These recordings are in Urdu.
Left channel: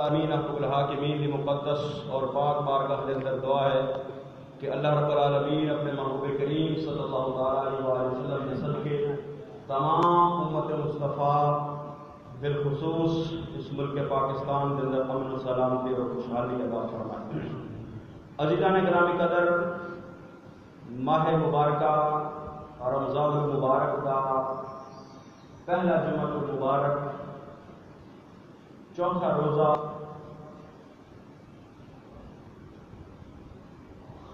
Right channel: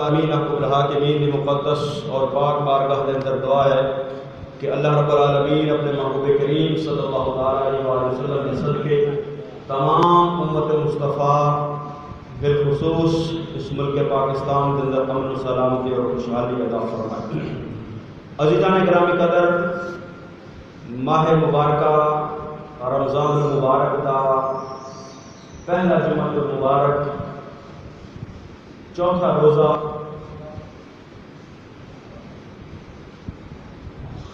آمین حق الحاکمین دی مقدس اور پاک بارگاہ کے اندر دعا ہے کہ اللہ رب العالمین اپنے محبوب کریم صلی اللہ علیہ وسلم کے صدقے تمام امت مصطفیٰ بالخصوص اس ملک پاکستان کے اندر امن و سلامتی اور خوشحالی عطا فرمائے۔ عزیزان گرامی قدر، ماہ مبارکہ رمضان المبارک دا پہلا جمعہ المبارک چوتھا روزہ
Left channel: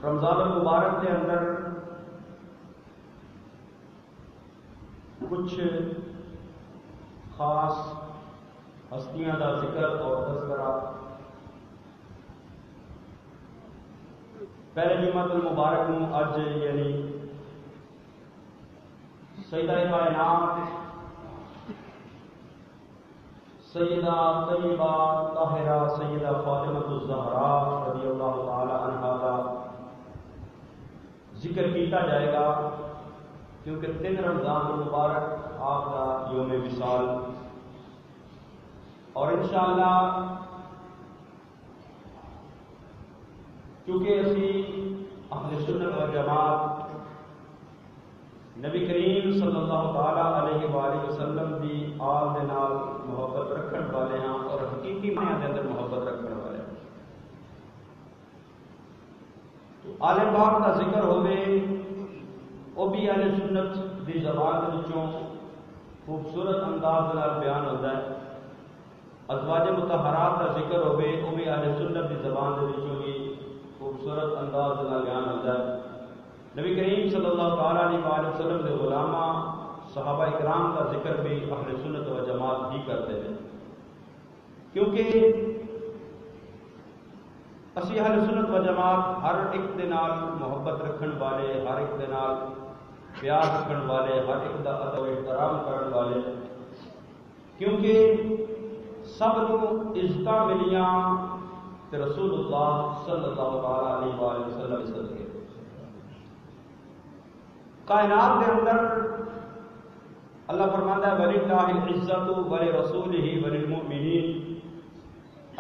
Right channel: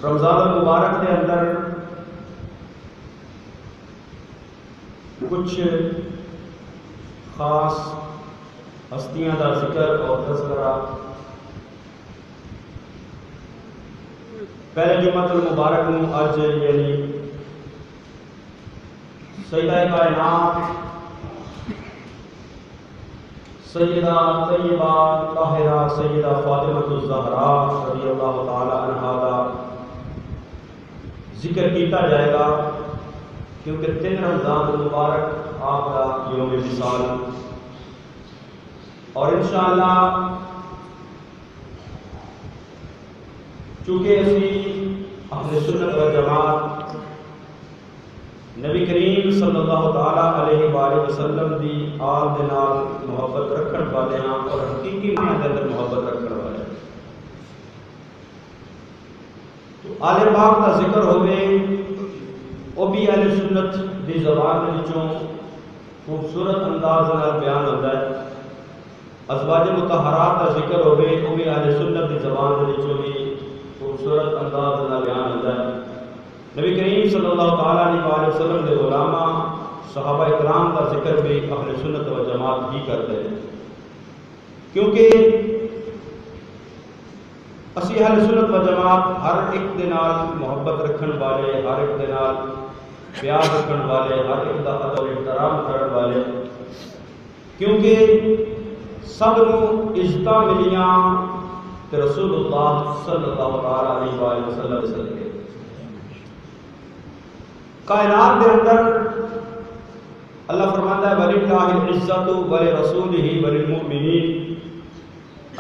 رمضان المبارک کے اندر کچھ خاص ہستیاں کا ذکر اور تذکرہ۔ پہلے جمعہ المبارک میں اج یعنی سیدہ کائنات سیدہ طیبہ طاہرہ سیدہ فاطمہ الزہراء رضی اللہ تعالی عنہا کا ذکر کیتا جائے گا، کیونکہ 3 رمضان المبارک آپ کا یوم وصال، اور انشاءاللہ چونکہ اسی اہل سنت و جماعت نبی کریم صلی اللہ تعالی علیہ وآلہ وسلم دی آل دے نال محبت رکھن والے ہیں اور حقیقی معنی دے اندر محبت رکھن والے ہیں، تو آل پاک کا ذکر ہوئے وہ بھی اہل سنت دی زبان کے وچوں خوبصورت انداز نال بیان ہوتا ہے۔ ازواج مطہرات کا ذکر ہوئے وہ بھی اہل سنت دی زبان کے وچوں بھی خوبصورت انداز نال بیان ہوتا ہے۔ نبی کریم صلی اللہ تعالیٰ علیہ وسلم کے علماء صحابہ اکرام کا ذکر بھی اہل سنت و جماعت ہی کرتے ہیں، کیونکہ اسی اہل سنت و جماعت ہر ایک دے نال محبت رکھن والے، ہر ایک دے نال پیار رکھن والے، ہر ایک دا ادب و احترام کرن والے، کیونکہ سب نو عزتاں ملیاں تے رسول اللہ صلی اللہ علیہ وسلم کے صدقے۔ کائنات کے اندر اللہ فرماتا ہے وَلِلَّهِ الْعِزَّةُ وَلِرَسُولِهِ وَلِلْمُؤْمِنِينَ،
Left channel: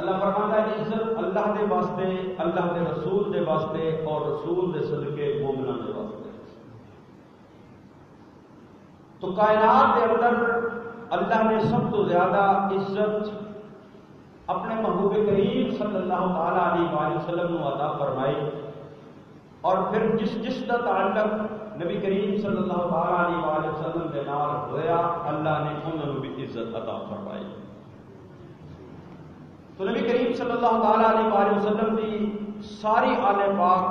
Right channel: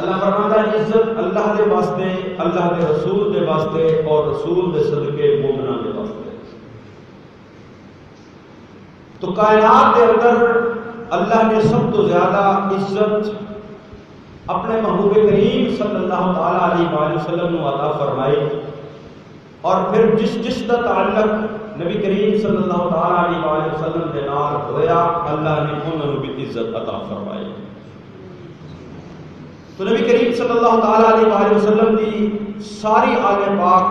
اللہ فرماتا ہے عزت اللہ دے واسطے، اللہ دے رسول دے واسطے اور رسول دے صدقے مومناں دے واسطے۔ تو کائنات کے اندر اللہ نے سب تو زیادہ عزت اپنے محبوب کریم صلی اللہ تعالیٰ علیہ وسلم نے عطا فرمائی، اور پھر جس کا تعلق نبی کریم صلی اللہ تعالیٰ علیہ وسلم کے نال ہویا اللہ نے انہوں بھی عزت عطا فرمائی۔ تو نبی کریم صلی اللہ تعالیٰ علیہ وسلم کی ساری آل پاک،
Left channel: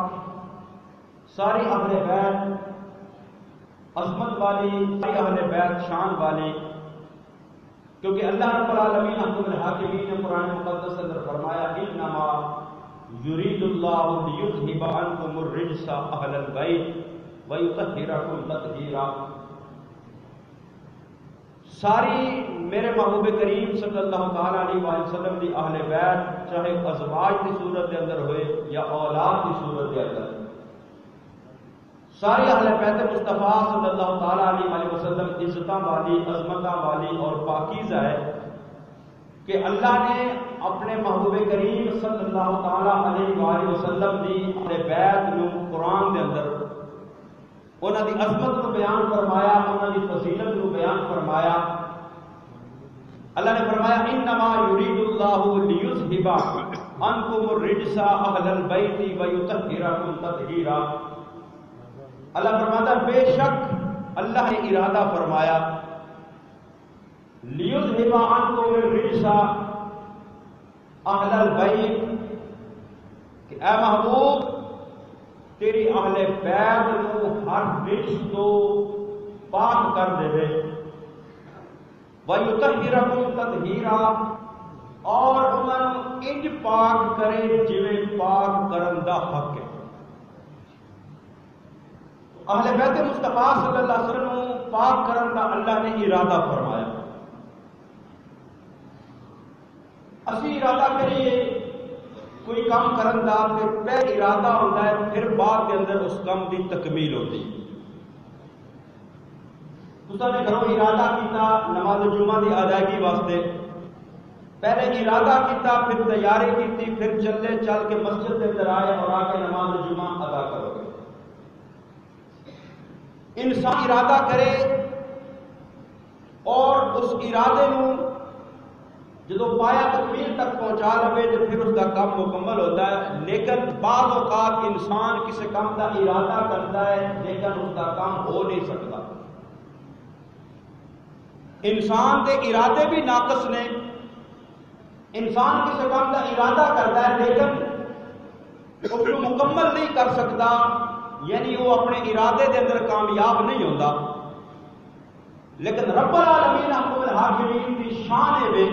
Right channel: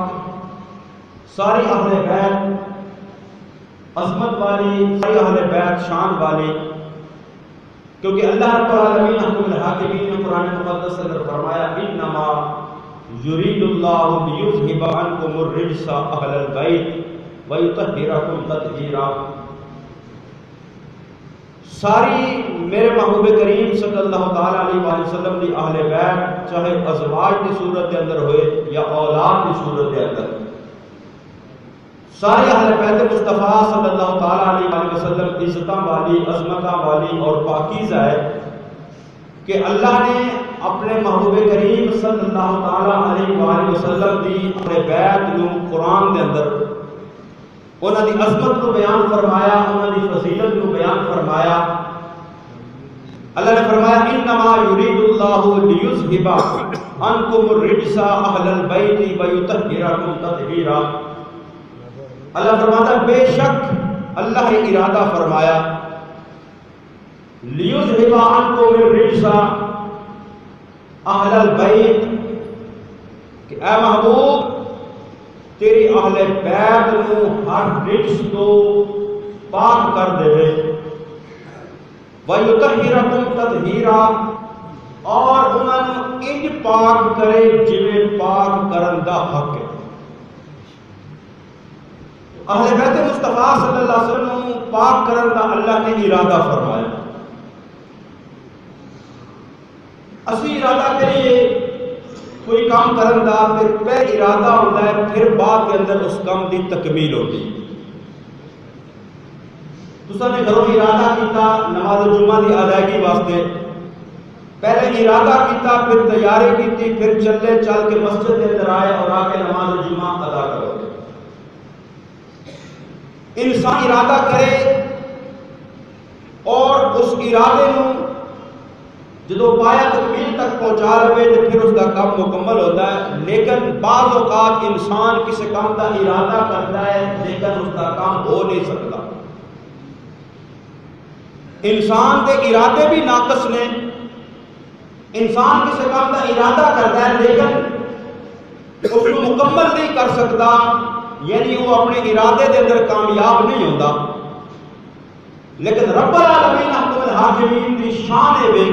ساری اہل بیت عظمت والی، ساری اہل بیت شان والی، کیونکہ اللہ رب العالمین حکم الحاکمین نے قرآن مقدس اندر فرمایا انما یرید اللہ لیذھب عنکم الرجس اہل البیت وَيُطَهِّرَكُمْ تَطْهِيرًا۔ ساری میرے محبوب کریم صلی اللہ تعالیٰ علیہ وسلم کی اہل بیت، چاہے ازواج کی صورت کے اندر ہوئے یا اولاد کی صورت کے اندر، ساری اہل بیت مصطفیٰ صلی اللہ تعالیٰ علیہ وسلم عزتاں والی، عظمتاں والی اور پاکیزہ ہے کہ اللہ نے اپنے محبوب کریم صلی اللہ تعالیٰ علیہ وسلم کی اہل بیت نو قرآن کے اندر انہوں نے عظمت کو بیان فرمایا، انہوں نے فضیلت کو بیان فرمایا۔ اللہ نے فرمایا انما یرید اللہ لیذھب عنکم الرجس اہل البیت ویطہرکم تطہیرا۔ اللہ فرماتا ہے بے شک اللہ نے ارادہ فرمایا لیذھب عنکم الرجس اہل البیت، کہ اے محبوب تیری اہل بیت نو ہر رجس تو پاک کر دے وَيُطَهِّرَكُمْ تَطْهِيرًا، اور انہوں انج پاک کرے جویں پاک کرن دا حق ہے۔ اہل بیت مصطفیٰ صلی اللہ علیہ وسلم پاک کرن دا اللہ نے ارادہ فرمایا۔ اسی ارادہ کریے کوئی کام کرن دا پہلے ارادہ ہوتا ہے، پھر بعد کے اندر اس کام دی تکمیل ہوتی ہے۔ تساں نے گھروں ارادہ کیتا نماز جمعہ دی ادائیگی واسطے، پہلے ارادہ کیتا، پھر تیاری کی، پھر چلے چل کے مسجد کے اندر آئے اور آ کے نماز جمعہ ادا کرو. انسان ارادہ کرے اور اس ارادے نو جدو پایا تکمیل تک پہنچا لے تو پھر اس کا کام مکمل ہوتا ہے. لیکن بعض اوقات انسان کسی کام کا ارادہ کرتا ہے لیکن اس کا کام ہو نہیں سکتا. انسان کے ارادے بھی ناقص نے. انسان کسی کام کا ارادہ کرتا ہے لیکن اس کو مکمل نہیں کر سکتا، یعنی وہ اپنے ارادے کے اندر کامیاب نہیں ہوتا. لیکن رب العالمین احکم الحاکمین کی شان ہے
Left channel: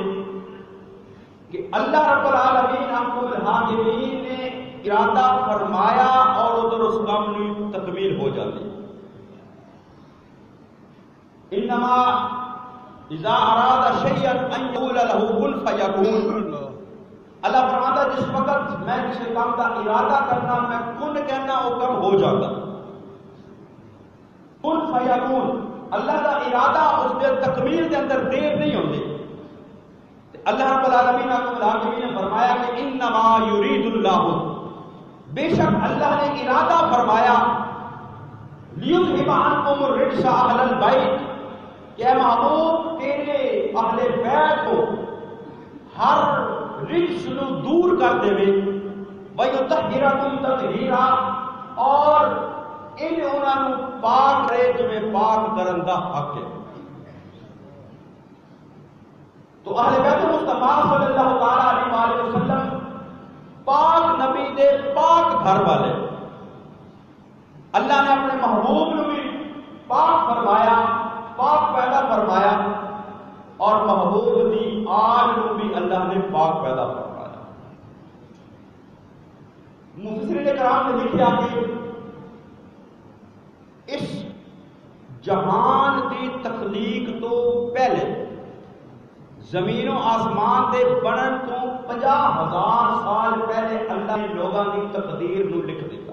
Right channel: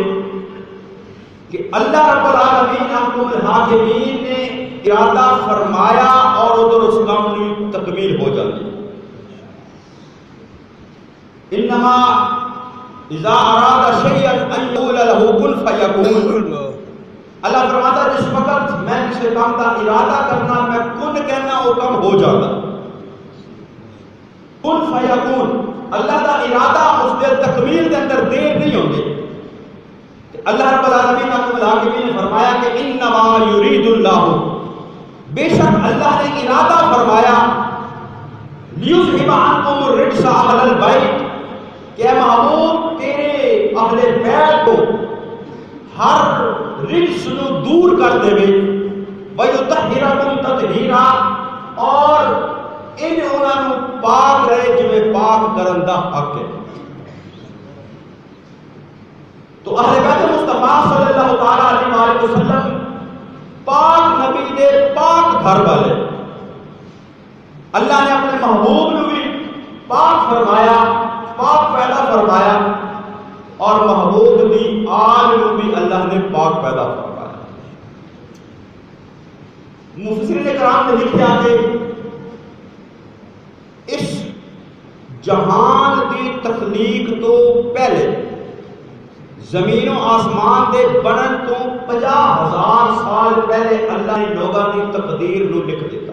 کہ اللہ رب العالمین احکم الحاکمین نے ارادہ فرمایا اور ادھر اس کام کی تکمیل ہو جاتی. انما اذا اراد شیئا ان یقول له کن فیکون. اللہ فرماتا ہے جس وقت میں کسی کام کا ارادہ کرنا، میں کن کہنا، وہ کام ہو جاتا. کن فیکون، اللہ کا ارادہ اس کے تکمیل کے اندر دیر نہیں ہوتی. اللہ رب العالمین نے فرمایا کہ انما یرید اللہ، بے شک اللہ نے ارادہ فرمایا، لیذھب عنکم الرجس اہل البیت، کہ اے محبوب تیرے اہل بیت کو ہر رجس نو دور کر دے گے، ویطہرکم تطہیرا، اور انہاں نو پاک رہے جویں پاک کرن دا حق ہے. تو اہل بیت مصطفیٰ صلی اللہ تعالیٰ علیہ وسلم پاک نبی دے پاک گھر والے. اللہ نے اپنے محبوب نو بھی پاک فرمایا، پاک پیدا فرمایا، اور محبوب دی آل نو بھی اللہ نے پاک پیدا فرمایا. مفسرین کرام نے لکھا کہ اس جہان دی تخلیق تو پہلے، زمین و آسمان دے بنن تو 50,000 سال پہلے اللہ نے لوگاں دی تقدیر نو لکھ دیتا.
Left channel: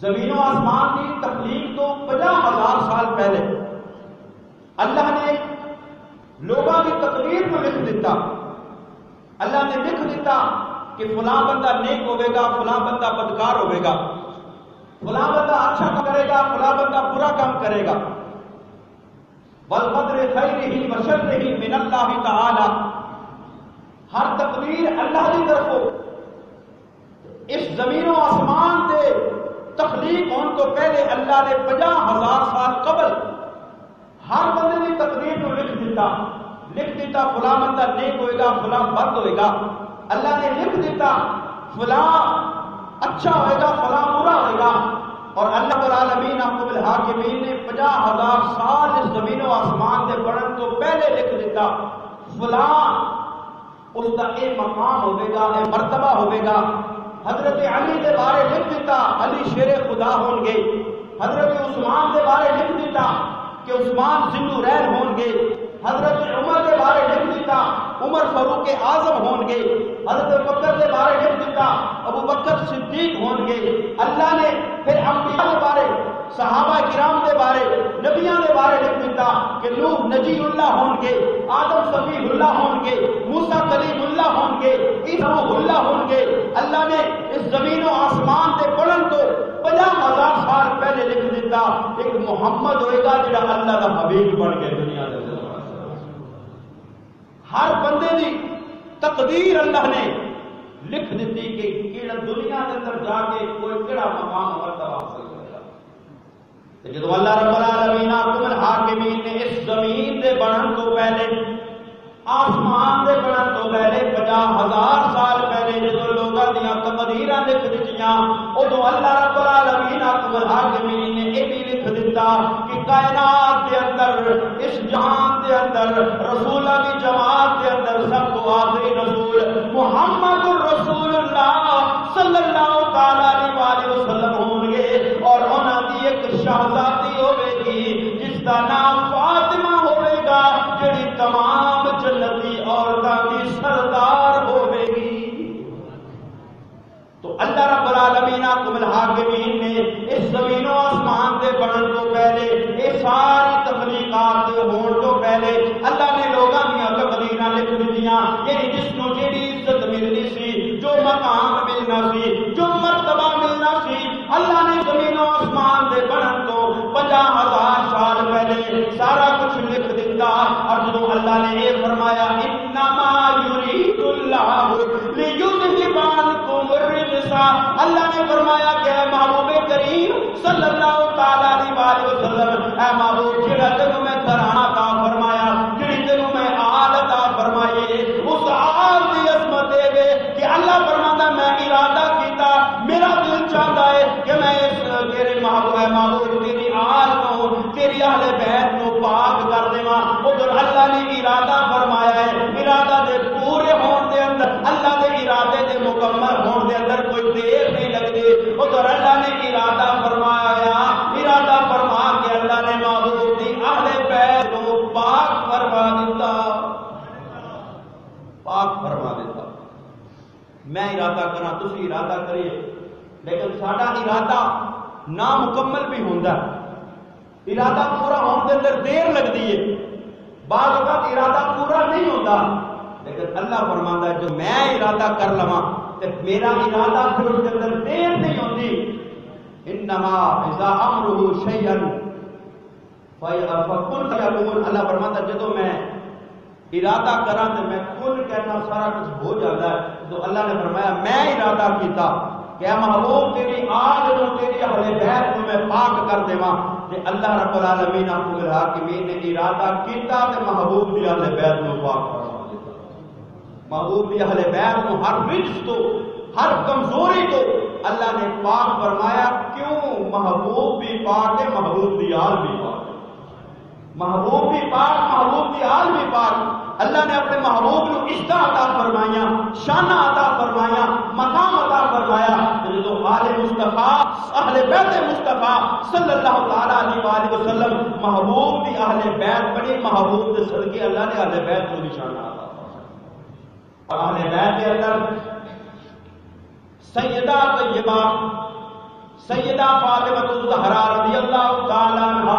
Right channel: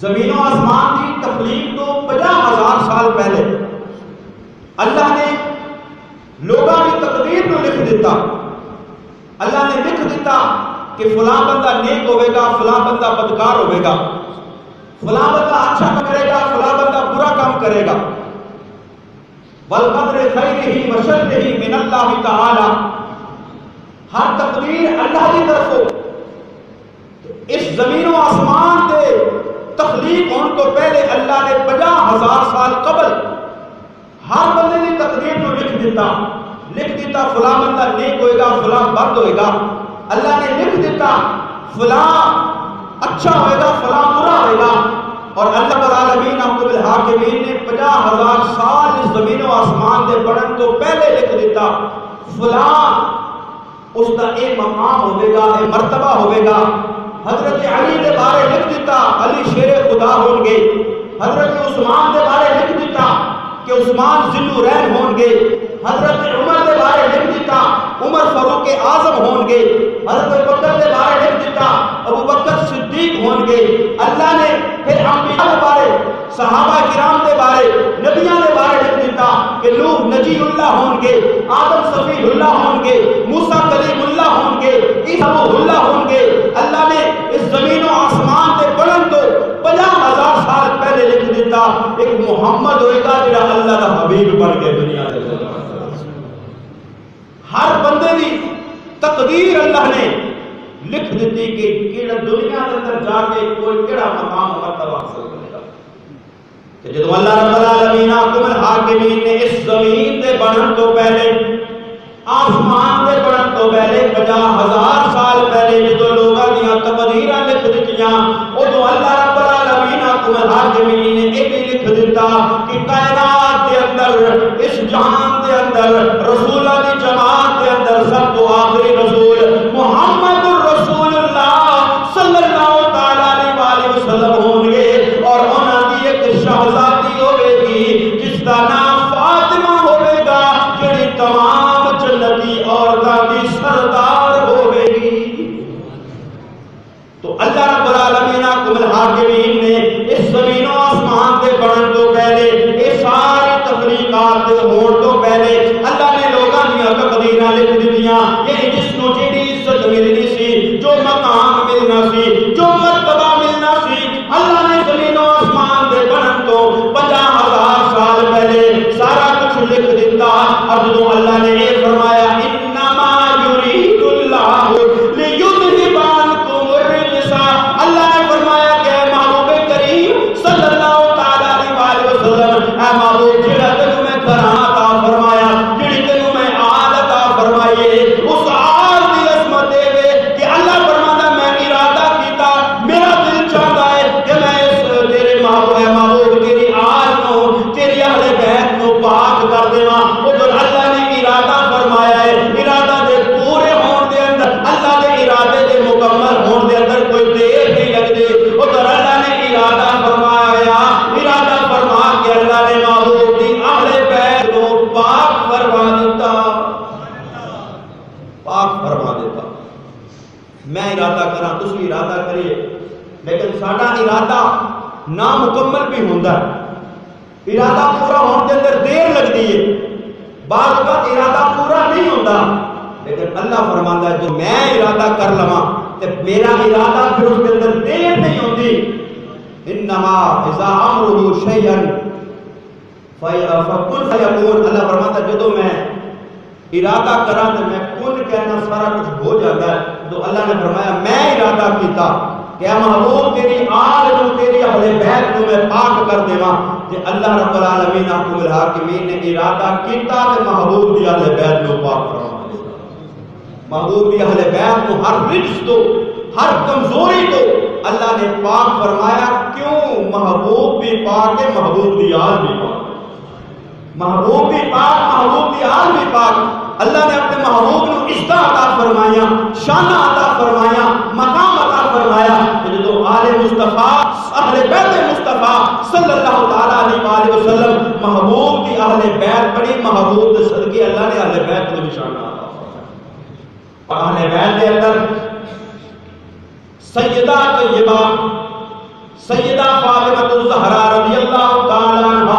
زمین و آسمان دی تخلیق تو 50,000 سال پہلے اللہ نے لوگاں دی تقدیر نو لکھ دیتا. اللہ نے لکھ دیتا کہ فلاں بندہ نیک ہوئے گا، فلاں بندہ بدکار ہوئے گا، فلاں بندہ اچھا کام کرے گا، فلاں بندہ برا کام کرے گا. والقدر خیرہ وشرہ من اللہ تعالی، ہر تقدیر اللہ کی طرف ہو. اس زمین و آسمان دے تخلیق ہونے تو پہلے اللہ نے 50,000 سال قبل ہر بندے کی تقدیر کو لکھ دیتا فلاں بندہ نیک ہوئے گا، فلاں بد ہوئے گا. اللہ نے لکھ دیتا فلاں اچھا ہوئے گا، فلاں برا ہوئے گا. اور اللہ رب العالمین احکم الحاکمین نے 50,000 سال اس زمین و آسمان دے بڑھن تو پہلے لکھ دیتا فلاں اس کا ایک مقام ہوئے گا، ایک مرتبہ ہوئے گا. حضرت علی دے بارے لکھ دیتا علی شیر خدا ہون گے. حضرت عثمان دے بارے لکھ دیتا کہ عثمان ذی النورین ہون گے. حضرت عمر دے بارے لکھ دیتا عمر فاروق اعظم ہون گے. حضرت بکر دے بارے لکھ دیتا ابو بکر صدیق ہون گے. اللہ نے پھر انبیاء دے بارے، صحابہ کرام دے بارے، نبیاں دے بارے لکھ دیتا کہ نوح نجی اللہ ہون گے، آدم صفی اللہ ہون گے، موسیٰ کلیم اللہ ہون گے، عیسیٰ روح اللہ ہون گے. اللہ نے اس زمین و آسمان دے بلند تو 50,000 سال پہلے لکھ دیتا ایک محمد ہوئے گا جڑا اللہ کا حبیب بن کے دنیا دے. ہر بندے دی تقدیر اللہ نے لکھ دیتی کہ کیڑا دنیا کے اندر جا کے کوئی کیڑا مقام مرتبہ حاصل کرے گا. کہ جب اللہ رب العالمین احکم الحاکمین نے اس زمین دے بنن تو پہلے، آسمان دے بنن تو پہلے 50,000 سال پہلے جدو لوگاں دیاں تقدیراں لکھ دتیاں، ادو اللہ رب العالمین احکم الحاکمین نے یہ بھی لکھ دیتا کہ کائنات دے اندر، اس جہان دے اندر، رسولہ دی جماعت دے اندر سب تو آخری رسول محمد الرسول اللہ صلی اللہ تعالیٰ علیہ وسلم ہوں گے. اور انہاں دی ایک شہزادی ہوئے گی جس کا نام فاطمہ ہوئے گا، جڑی تمام جنتی عورتاں دی سردار ہوئے گی. تو اللہ رب العالمین احکم الحاکمین نے اس زمین و آسمان دے بنن تو پہلے، یہ ساری تخلیقات دے ہون تو پہلے اللہ نے لوگاں دیاں تقدیراں لکھ دی ملنا سی، جو مرتبہ ملنا سی، اللہ نے زمین و آسمان دے بنن تو 50,000 سال پہلے سارا کچھ لکھ دیتا۔ اور جو اللہ نے یہ فرمایا انما یرید اللہ لیذھب عنکم الرجس، اللہ نے فرمایا کہ اے محبوب کریم صلی اللہ تعالی علیہ وسلم، اے محبوب جڑا تینوں میں کرانا عطا فرمایا، جڑی تینوں میں آل عطا فرمائیے، اس آل دی عظمت دے کہ اللہ فرماتا میں ارادہ کیتا، میرا دل چاہتا ہے کہ میں اس تیرے محبوب تیری آل کو، تیری اہل بیت کو پاک کر دیواں۔ ادھر اللہ نے ارادہ فرمایا ہے، ارادہ دے پورے ہون دے اندر، اللہ دے ارادے دے مکمل ہون دے اندر کوئی دیر نہیں لگتی۔ ادھر اللہ نے ارادہ فرمایا، ارادہ فرما کے اللہ نے محبوب دی اہل بیت کو پاک فرما دیتا، پاک فرما دیتا۔ میں ارادہ کرا، تسی ارادہ کریے، لیکن ساڈا ارادہ نامکمل بھی ہوندا ہے، ارادہ پورا ہونے کے اندر دیر لگتی ہے، بعض اوقات ارادہ پورا نہیں ہوتا، لیکن اللہ فرماتا ہے جو میں ارادہ کر لواں تے میرا ارادہ پھر اس کے اندر دیر نہیں ہوتی۔ انما اذا امره شيئا فكن فيكون، اللہ فرماتا ہے جدوں میں ارادہ کراں تے میں کن کہنا سارا کچھ ہو جاتا ہے۔ تو اللہ نے فرمایا میں ارادہ کیتا کہ اے محبوب تیری آل نو، تیری اہل بیت کو میں پاک کر دیواں، کہ اللہ رب العالمین حکم الحاکمین نے ارادہ کیتا تے محبوب دی اہل بیت نو پاک فرما دیتا۔ محبوب دی اہل بیت کو ہر رجس تو، ہر کمزوری تو اللہ نے پاک فرمایا۔ کیوں؟ محبوب بھی پاک ہے، محبوب دی آل بھی پاک ہے، محبوب بھی پاک، محبوب دی آل بھی پاک۔ اللہ نے اپنے محبوب کو عزت عطا فرمایا، شانہ عطا فرمایا، مقام عطا فرمایا، کہ جو آل مصطفیٰ، اہل بیت مصطفیٰ صلی اللہ تعالیٰ علیہ وسلم، محبوب دی اہل بیت بڑی، محبوب دے صدقے اللہ نے اہل بیت کو نشانہ عطا فرمایا۔ اہل بیت کے اندر سیدہ طیبہ سیدہ فاطمہ الزہرا رضی اللہ تعالیٰ عنہ،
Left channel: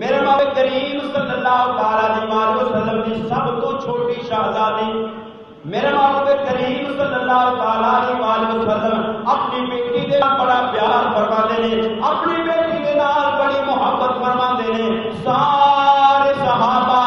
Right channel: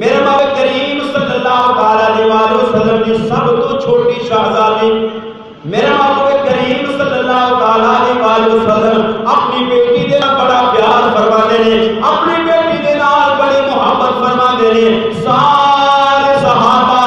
میرے محبوب کریم صلی اللہ تعالی علیہ وسلم کی سب تو چھوٹی شہزادی، میرے محبوب کریم صلی اللہ تعالی علیہ وسلم اپنی بیٹی دے نال بڑا پیار فرماتے ہیں، اپنی بیٹی دے نال بڑی محبت فرماتے ہیں۔ سارے صحابہ،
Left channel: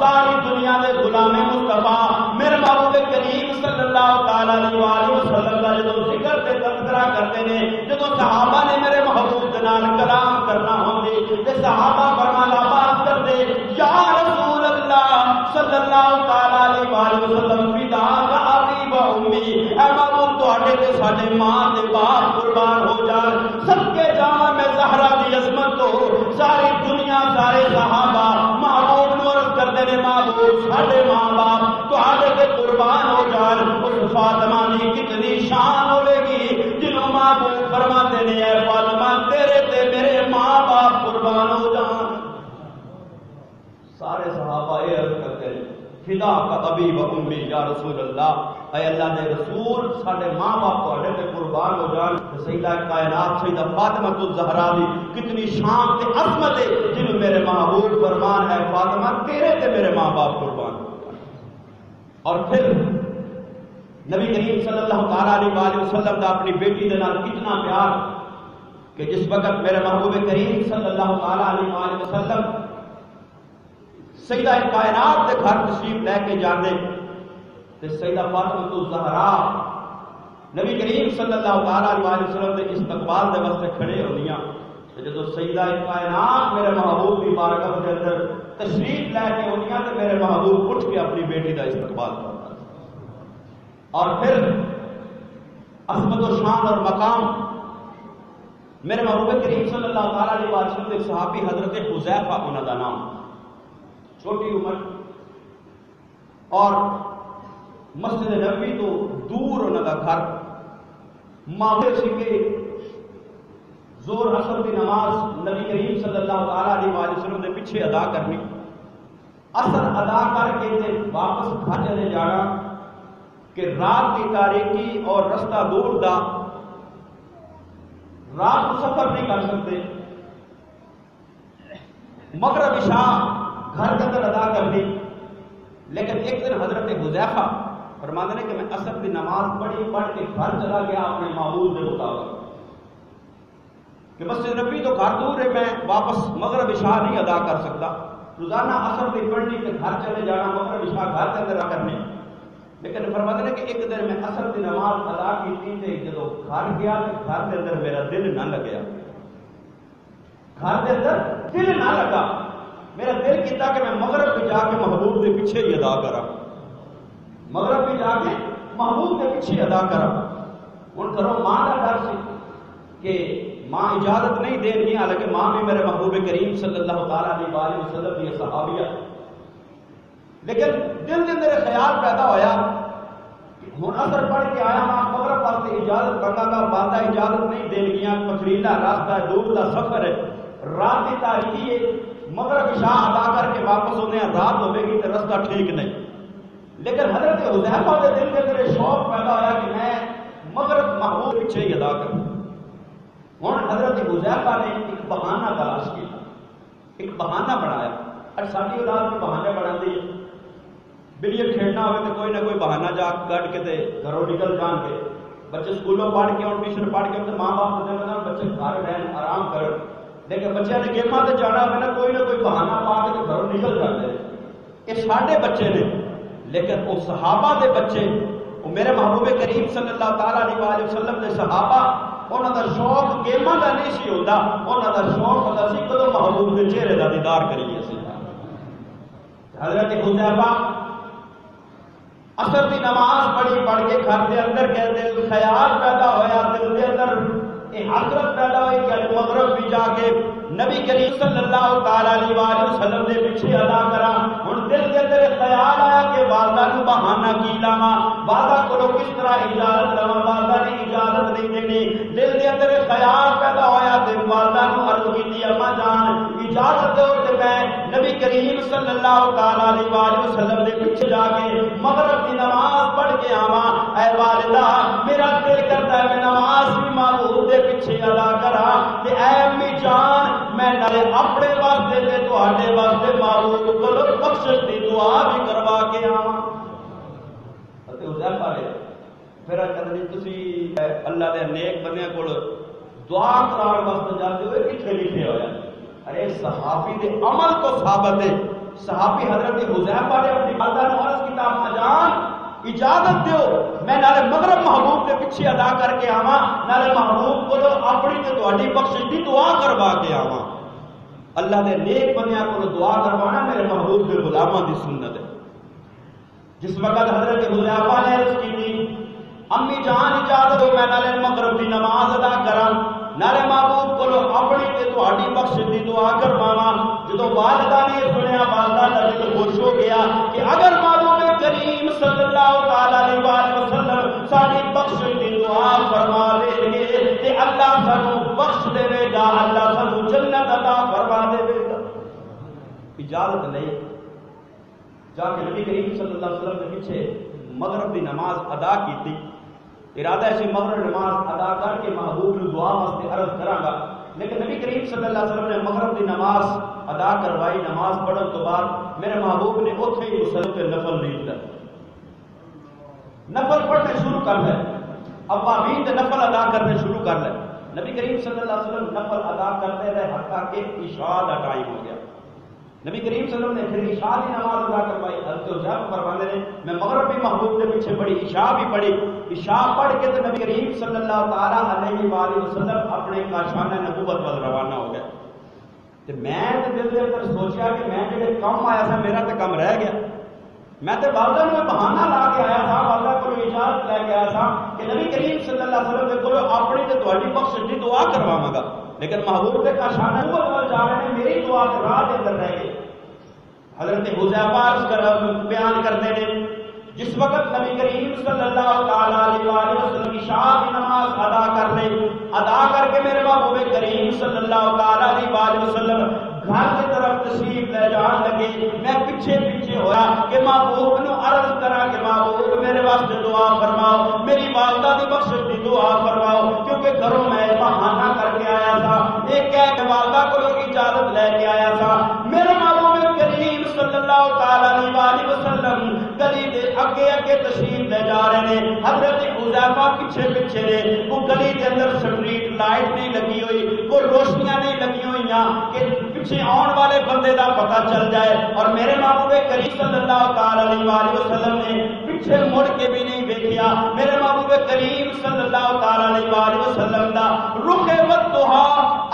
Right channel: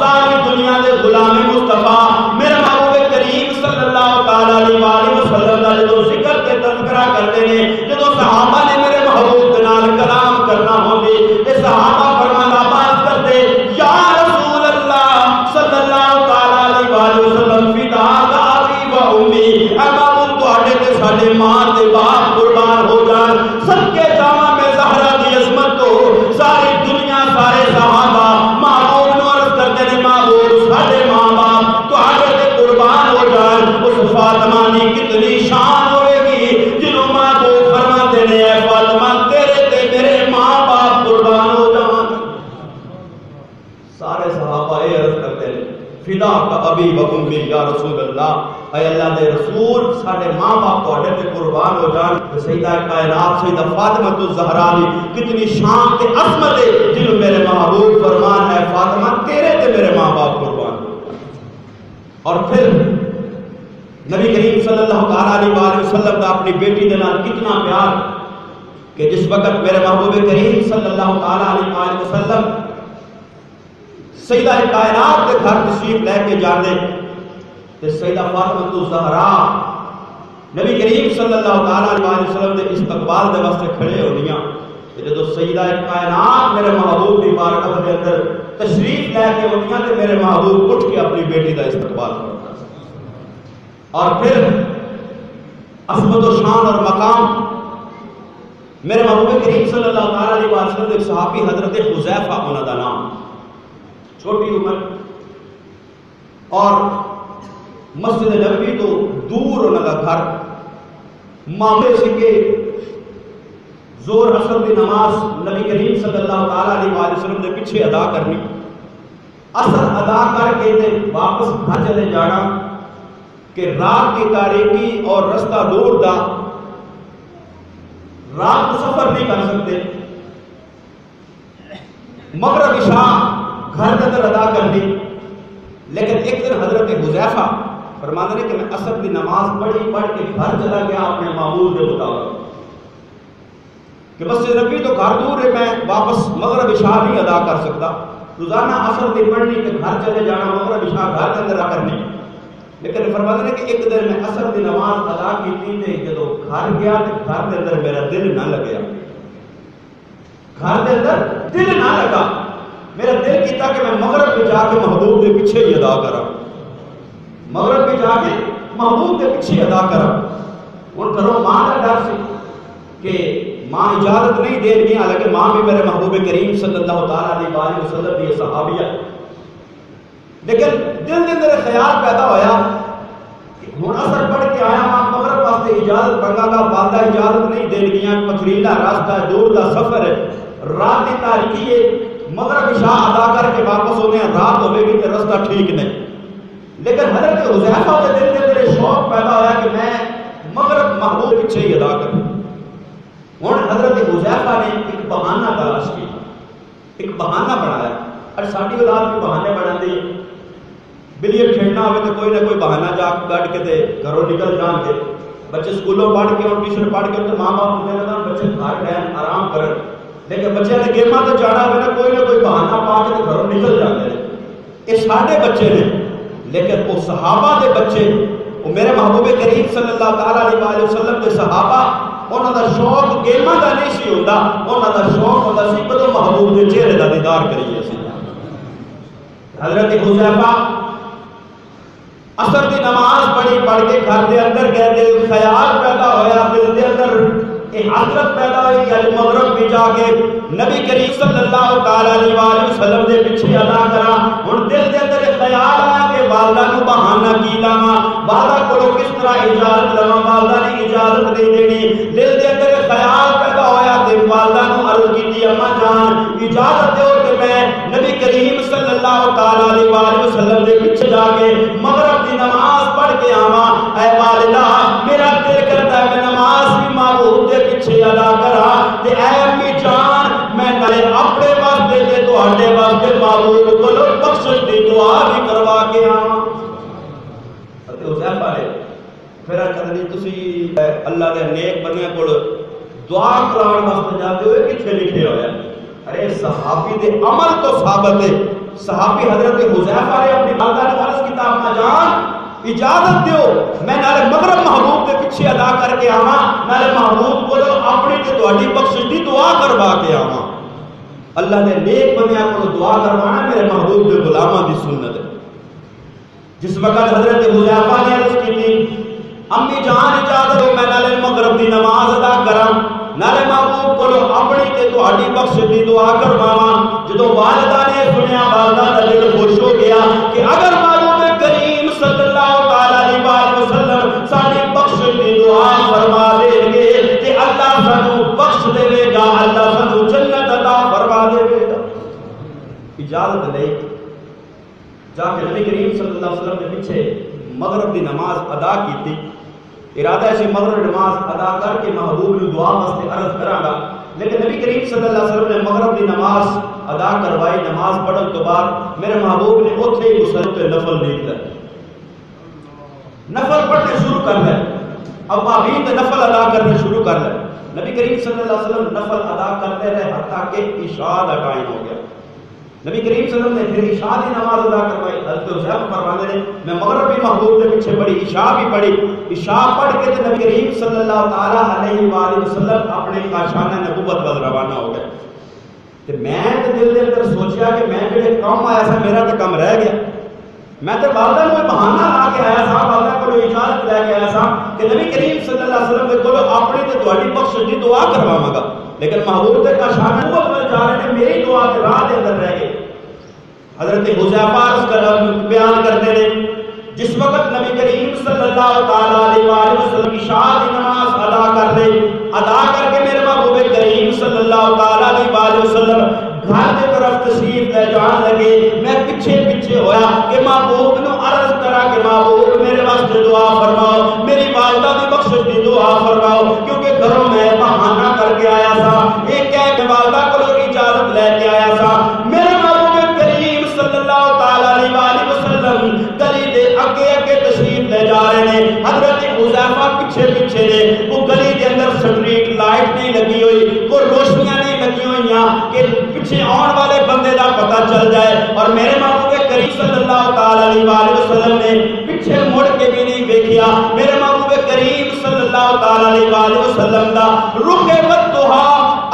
ساری دنیا دے غلام مصطفیٰ میرے محبوب کریم صلی اللہ تعالی علیہ وسلم کا جدو ذکر تے تذکرہ کرتے ہیں، جدو صحابہ نے میرے محبوب کے نال کلام کرنا ہوندی تے صحابہ فرمانا باز کرتے یا رسول اللہ صلی اللہ تعالی علیہ وسلم فداک ابی و امی، اے محبوب تواڈے تے ساڈے ماں تے باپ قربان ہو جان، صدقے جاواں میں زہرا دی عظمت تو ساری دنیا سارے صحابہ محبوب نو عرض کرتے نے محبوب ساڈے ماں باپ تواڈے تے قربان ہو جان۔ اس فاطمہ دی کتنی شان ہوے گی جنوں محبوب فرماتے نے اے فاطمہ تیرے تے میرے ماں باپ قربان ہو جان۔ سارے صحابہ یہ عرض کرتے ہیں فداک ابی و امی یا رسول اللہ، اے اللہ دے رسول ساڈے ماں باپ تواڈے تے قربان ہو جان۔ سیدہ کائنات سیدہ فاطمہ الزہرا دی کتنی شان تے عظمت ہے جنوں میرے محبوب فرمان ہے فاطمہ تیرے تے میرے ماں باپ قربان ہو جان۔ اور پھر نبی کریم صلی اللہ تعالی علیہ وسلم کا اپنی بیٹی دے نال کتنا پیار کہ جس وقت میرے محبوب کریم صلی اللہ تعالی علیہ وسلم سیدہ کائنات کے گھر تشریف لے کے جاندے تے سیدہ فاطمہ الزہرا نبی کریم صلی اللہ تعالی علیہ وسلم دے استقبال دے واسطے کھڑے ہوندیاں تے جدوں سیدہ کائنات میرے محبوب دی بارگاہ دے اندر تشریف لے کے ہوندیاں تے میرے محبوب اٹھ کے اپنی بیٹی دا استقبال کرتا۔ اور پھر عظمت و شان اور مقام میرے محبوب کریم صلی اللہ تعالی علیہ وسلم ایک صحابی حضرت حذیفہ انہاں دا نام، چھوٹی عمر اور مسجد نبوی تو دور انہاں دا گھر، معاملے سے کہ زور اثر دی نماز نبی کریم صلی اللہ تعالی علیہ وسلم نے پیچھے ادا کرنی، اثر ادا کر کے تے واپس گھر چلے جانا کہ رات کی تاریکی اور رستہ دور دا، رات کو سفر نہیں کر سکتے، مغرب عشاء گھر کے اندر ادا کر دی۔ لیکن ایک دن حضرت حذیفہ فرماتے ہیں کہ میں عصر کی نماز پڑھ کے گھر چلا گیا اپنے معمول کے مطابق کہ مسجد نبی تو گھر دور ہے، میں واپس مغرب عشاء نہیں ادا کر سکتا، روزانہ عصر کی پڑھنی کہ گھر چلے جانا، مغرب عشاء گھر کے اندر کرنی۔ لیکن فرماتے ہیں کہ ایک دن میں عصر کی نماز ادا کی تھی، جب گھر گیا تو گھر کے اندر میرا دل نہ لگیا، گھر کے اندر دل نہ لگا، میرا دل کیتا کہ میں مغرب میں جا کے محبوب کے پیچھے ہی ادا کرا، مغرب میں جا کے محبوب کے پیچھے ادا کرا۔ ان گھروں ماں کا ڈر سی کہ ماں اجازت نہیں دے گی، حالانکہ ماں بھی میرے محبوب کریم صلی اللہ تعالیٰ علیہ وسلم کی صحابیہ، لیکن دل کے اندر خیال پیدا ہویا کہ ہوں اثر پڑھ کے آیا ماں مغرب واسطے اجازت منگا گا، والدہ اجازت نہیں دے گیا، پتھریلا راستہ دور کا سفر ہے، رات کی تاریکی ہے، مغرب عشاء ادا کر کے واپس ہونے رات ہوے گی تو راستہ ٹھیک نہیں۔ لیکن حضرت حذیفہ کے دل کے اندر شوق پیدا ہوا کہ میں مغرب محبوب پیچھے ہی ادا کروں۔ ہوں حضرت حذیفہ نے ایک بہانہ تلاش کیا، ایک بہانہ بنایا، اور ساری اولاد بھی بہانے بنا دی، بلیئر کھیلنا ہوئے تو کوئی نہ کوئی بہانہ جا کٹ کے دے گھروں نکل جان کے، بچے سکولوں پڑھ کے اور ٹیوشن پڑھ کے تو ماں باپ ہونے لگا بچے گھر رہن آرام کرن، لیکن بچے نے گیماں تے جانا ہوئے نا کوئی نہ کوئی بہانہ پا کے تو گھروں نکل جاتے ہیں۔ یہ ساڈے بچے نے، لیکن وہ صحابہ دے بچے، وہ میرے محبوب کریم صلی اللہ تعالیٰ علیہ وسلم کے صحابہ، انہوں دا شوق گیماں دا نہیں سی ہوتا، انہوں دا شوق ہوتا سی کدو محبوب کے چہرے دا دیدار کریے سی۔ حضرت حذیفہ عصر کی نماز پڑھ کے گھر دے اندر گئے، دل خیال پیدا ہویا، دل دے اندر ایک حسرت پیدا ہوئی کہ مغرب بھی جا کے نبی کریم صلی اللہ تعالیٰ علیہ وسلم دے پیچھے ادا کرا۔ ہن دل دے اندر ایک خیال آیا کہ والدہ کو بہانہ کی لاواں، والدہ کو کس طرح اجازت لواں، والدہ نے اجازت نہیں دینی۔ دل دے اندر ایک خیال پیدا ہویا کہ والدہ کو عرض کی اما جان اجازت دیو کہ میں نبی کریم صلی اللہ تعالیٰ علیہ وسلم دے پیچھے جا کے مغرب کی نماز پڑھ کے آواں۔ اے والدہ میرا دل کرتا ہے میں نماز بھی محبوب دے پیچھے ادا کرا، تے اے امی جان میں نالے اپنے واسطے تے تواڈے واسطے محبوب کولوں بخشش دی دعا بھی کروا کے آواں۔ تے حذیفہ نے پھر کہندی تسی اللہ دے نیک بندیاں کول دعا کران واسطے جاتے ہوئے کتھے لکھے ہویا؟ ارے صحابی دے عمل تو ثابت ہے، صحابی حضرت حذیفہ نے اپنی والدہ نے عرض کیتا اما جان اجازت دیو میں نالے مغرب محبوب کے پیچھے ادا کر کے آواں، نالے محبوب کو اپنی تے تہاڈی بخشش دی دعا کروا کے آواں۔ اللہ دے نیک بندیاں کو دعا کروانا میرے محبوب دے غلاماں دی سنت ہے۔ جس وقت حضرت حذیفہ نے عرض کی تھی امی جان اجازت دو میں نالے مغرب دی نماز ادا کراں، نالے محبوب کو اپنی تے تہاڈی بخشش دی دعا کرواواں، جدوں والدہ نے سنیا والدہ دا دل خوش ہو گیا کہ اگر محبوب کریم صلی اللہ تعالیٰ علیہ وسلم ساری بخشش دی دعا فرما دیں گے تے اللہ سانو بخش دے گا، اللہ سانو جنت عطا فرما دے گا۔ اجازت لے جا کے نبی کریم صلی اللہ علیہ وسلم کے پیچھے مغرب دی نماز ادا کی تھی، ارادہ ہے مغرب نماز ادا کر کے محبوب نے دعا واسطے عرض کراں گا، لیکن نبی کریم صلی اللہ علیہ وسلم نے مغرب دی نماز ادا کروائی، نماز پڑھن تو بعد میرے محبوب نے اوتھے ہی مسلط نفل نہیں کر نفل پڑھنے شروع کر لے، اوابین دے نفل ادا کرنے شروع کر لے۔ نبی کریم صلی اللہ علیہ وسلم نفل ادا کرتے رہے حتیٰ کہ عشاء کا ٹائم ہو گیا۔ نبی کریم صلی اللہ علیہ وسلم نے پھر عشاء کی نماز ادا کروائی، حضرت حذیفہ فرماتے ہیں میں مغرب بھی محبوب کے پیچھے پڑھی، عشاء بھی پڑھی، عشاء پڑھ کے تے نبی کریم صلی اللہ تعالیٰ علیہ وآلہ وسلم اپنے کاشانہ نبوت وال روانہ ہو گئے۔ تے میں تے دل دے اندر سوچیا کہ میں جڑے کام آیا سا میرا تے کم رہ گیا، میں تے والدہ کو بہانہ لا کے آیا سا، والدہ کو اجازت لے کے آیا سا کہ نبی کریم صلی اللہ علیہ وسلم دے کولو اپنی تے تہاڈی بخشش دی دعا کرواواں گا، لیکن محبوب تے کاشانہ نبوت وال جا رہے ہیں، میری دعا کے راہ دے اندر رہ گئے۔ حضرت حذیفہ بیان کرتے ہیں جس وقت نبی کریم صلی اللہ تعالیٰ علیہ وسلم عشاء کی نماز ادا کر لے، ادا کر کے میرے محبوب کریم صلی اللہ تعالیٰ علیہ وسلم گھر کی طرف تشریف لے جان لگے، میں پیچھے پیچھے ہویا کہ محبوب نو عرض کرا کہ محبوب میرے واسطے دعا فرماؤ، میری والدہ دی بخشش دی دعا فرماؤ، کیونکہ گھروں میں بہانہ کر کے آیا سا، ایک کہہ کہ والدہ کو اجازت لے کے آیا سا۔ میرے محبوب کریم صلی اللہ تعالیٰ علیہ وسلم گلی دے اگے اگے تشریف جا رہے ہیں. حضرت حذیفہ پیچھے پیچھے نے. وہ گلی کے اندر سٹریٹ لائٹ نہیں لگی ہوئی, کوئی روشنیاں نہیں لگی ہوئی کہ پیچھے آن والے بندے دا پتہ چل جائے. اور میرے محبوب کریم صلی اللہ تعالی علیہ وآلہ وسلم نے پیچھے مڑ کے بھی نہیں دیکھا. میرے محبوب کریم صلی اللہ تعالی علیہ وآلہ وسلم دا رخ بدھا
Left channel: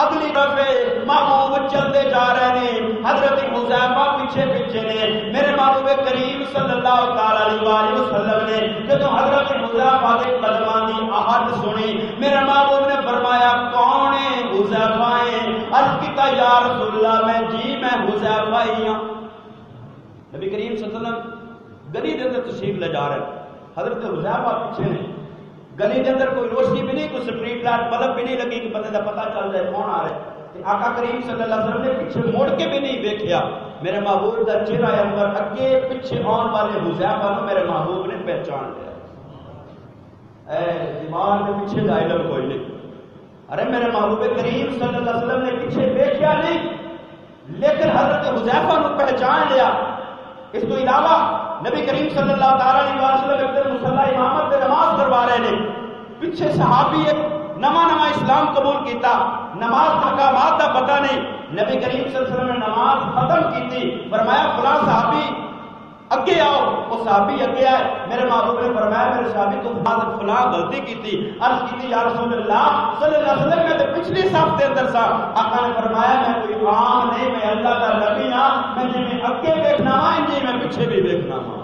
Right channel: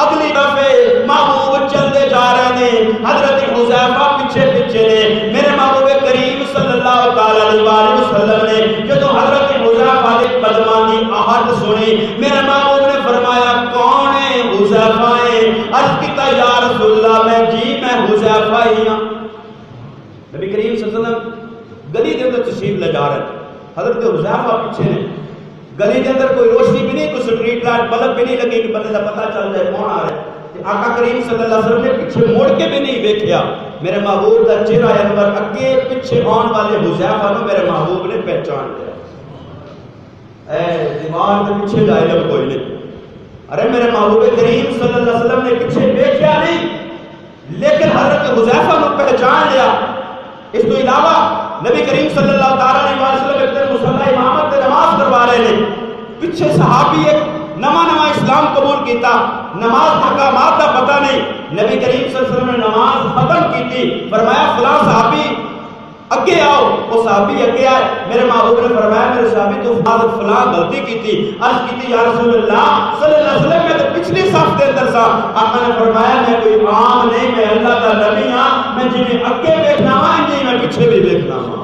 اگلی دفعے محبوب چلتے جا رہے ہیں. حضرت حذیفہ پیچھے پیچھے نے. میرے محبوب کریم صلی اللہ تعالی علیہ وآلہ وسلم نے جب حضرت حذیفہ کے قدماں کی آہٹ سنی, میرے محبوب نے فرمایا کون ہے؟ حذیفہ ہے. عرض کیتا یا رسول اللہ میں حذیفہ ہی ہاں. نبی کریم صلی اللہ علیہ وسلم گلی کے اندر تشریف لے جا رہے. حضرت حذیفہ پیچھے نے. گلی کے اندر کوئی روشنی بھی نہیں, کوئی سٹریٹ لائٹ بلب بھی نہیں لگی کہ بندے کا پتہ چل جائے کون آ رہا ہے. آقا کریم صلی اللہ علیہ وسلم نے پیچھے موڑ کے بھی نہیں دیکھا. میرے محبوب کا چہرہ انور اگے پیچھے آن والے حذیفہ کو میرے محبوب نے پہچان لیا. اے دماغ کے پیچھے کا علم کوئی نہیں. ارے میرے محبوب کریم صلی اللہ علیہ وسلم نے پیچھے دیکھا نہیں, لیکن حضرت حذیفہ کو پہچان لیا. اس تو علاوہ نبی کریم صلی اللہ تعالی علیہ وسلم ایک دن مصلی امامت میں نماز کروا رہے ہیں. پیچھے صحابی ایک نواں اسلام قبول کیتا, نماز حکامات کا پتہ نہیں. نبی کریم صلی اللہ علیہ وسلم نے نماز ختم کی تھی, فرمایا فلاں صحابی اگے آؤ. وہ صحابی اگے آئے. میرے محبوب نے فرمایا میرے صحابی تو فلاں غلطی کی تھی. عرض کی تھی یا رسول اللہ صلی اللہ علیہ وسلم میں تو پچھلی صف کے اندر تھا. آقا نے فرمایا میں کوئی عام نہیں, میں اللہ کا نبی ہاں, میں جنہیں اگے دیکھنا ہوا انہیں میں پیچھے بھی دیکھنا ہوا.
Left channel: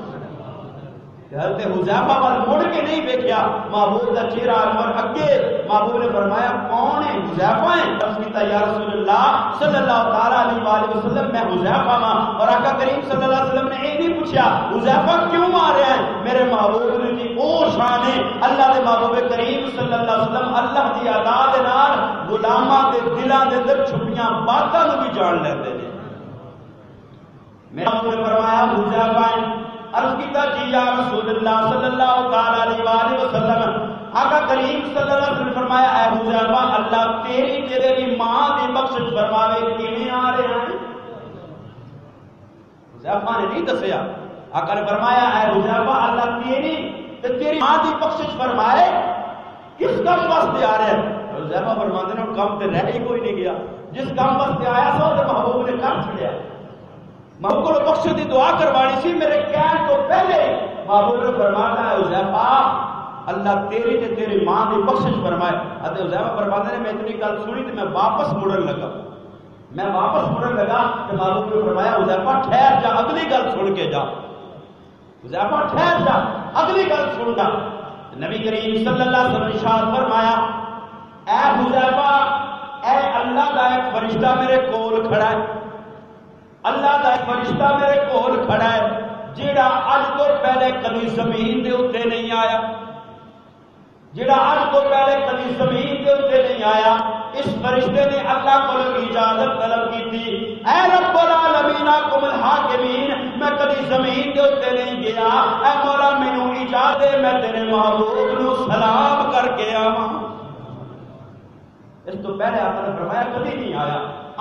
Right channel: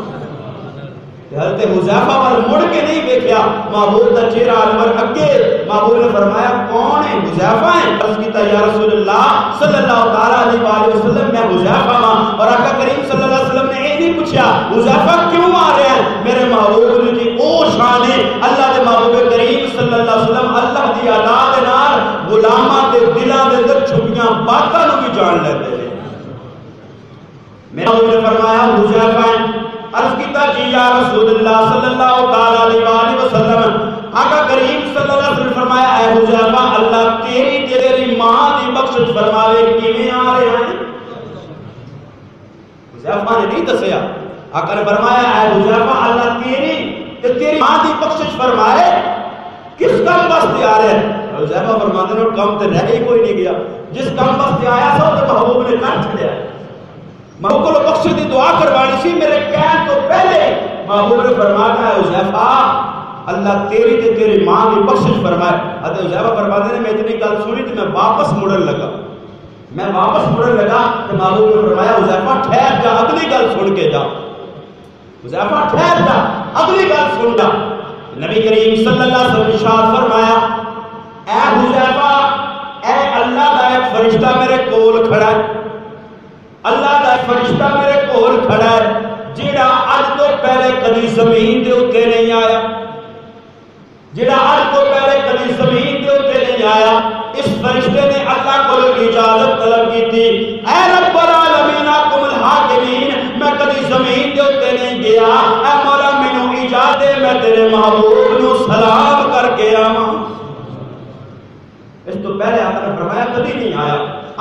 حضرت حذیفہ پر مڑ کے نہیں دیکھا. محبوب کا چہرہ انور اگے. محبوب نے فرمایا کون ہے؟ حذیفہ ہیں. عرض کیتا یا رسول اللہ صلی اللہ تعالی علیہ وآلہ وسلم میں حذیفہ ہاں. اور آقا کریم صلی اللہ علیہ وسلم نے یہ نہیں پوچھا حذیفہ کیوں آ رہے ہیں. میرے محبوب نے کی او شان ہے. اللہ کے محبوب کریم صلی اللہ علیہ وسلم اللہ دی ادا دے نال غلاماں دے دلاں دے اندر چھپیاں باتاں نوں بھی جان لیندے نے. میرے محبوب نے فرمایا حذیفہ ہیں. عرض کیتا جی یا رسول اللہ صلی اللہ تعالی علیہ وآلہ وسلم. آقا کریم صلی اللہ علیہ وسلم فرمایا اے حذیفہ اللہ تیری ماں دی بخشش فرماوے کیویں آ رہے ہیں. حذیفہ نے نہیں دسیا. آقا نے فرمایا اے حذیفہ اللہ تیری ماں دی بخشش فرمائے کس کام واسطے آ رہے ہیں. حذیفہ فرماتے ہیں کام تے رہ ہی کوئی نہیں گیا, جس کام واسطے آیا سو تے محبوب نے کر چھڑیا. محبوب کو بخشش دی دعا کروانی سی میرے کہنے تو پہلے. محبوب نے فرمایا ہے حذیفہ اللہ تیری ماں کی بخشش فرمائے. حضرت حذیفہ فرماتے ہیں میں اتنی گل سنی تو میں واپس مڑن لگا. تو محبوب نے فرمایا حذیفہ ٹھہر جا اگلی گل سن کے جا. حذیفہ ٹھہر جا اگلی گل سن جا. نبی کریم صلی اللہ علیہ وسلم ارشاد فرمایا اے حذیفہ اے اللہ کا ایک فرشتہ میرے کول کھڑا ہے. اللہ کا فرشتہ میرے کول کھڑا ہے جیڑا اج تو پہلے کبھی زمین دے اوتے نہیں آیا. اس فرشتے نے اللہ کو اجازت طلب کی تھی اے رب العالمین کم الحاکمین میں کبھی زمین دے اوتے نہیں گیا, اے مولا مینوں اجازت دے میں تیرے محبوب نو سلام کر کے آواں. اس تو پہلے آقا نے فرمایا کبھی نہیں آیا,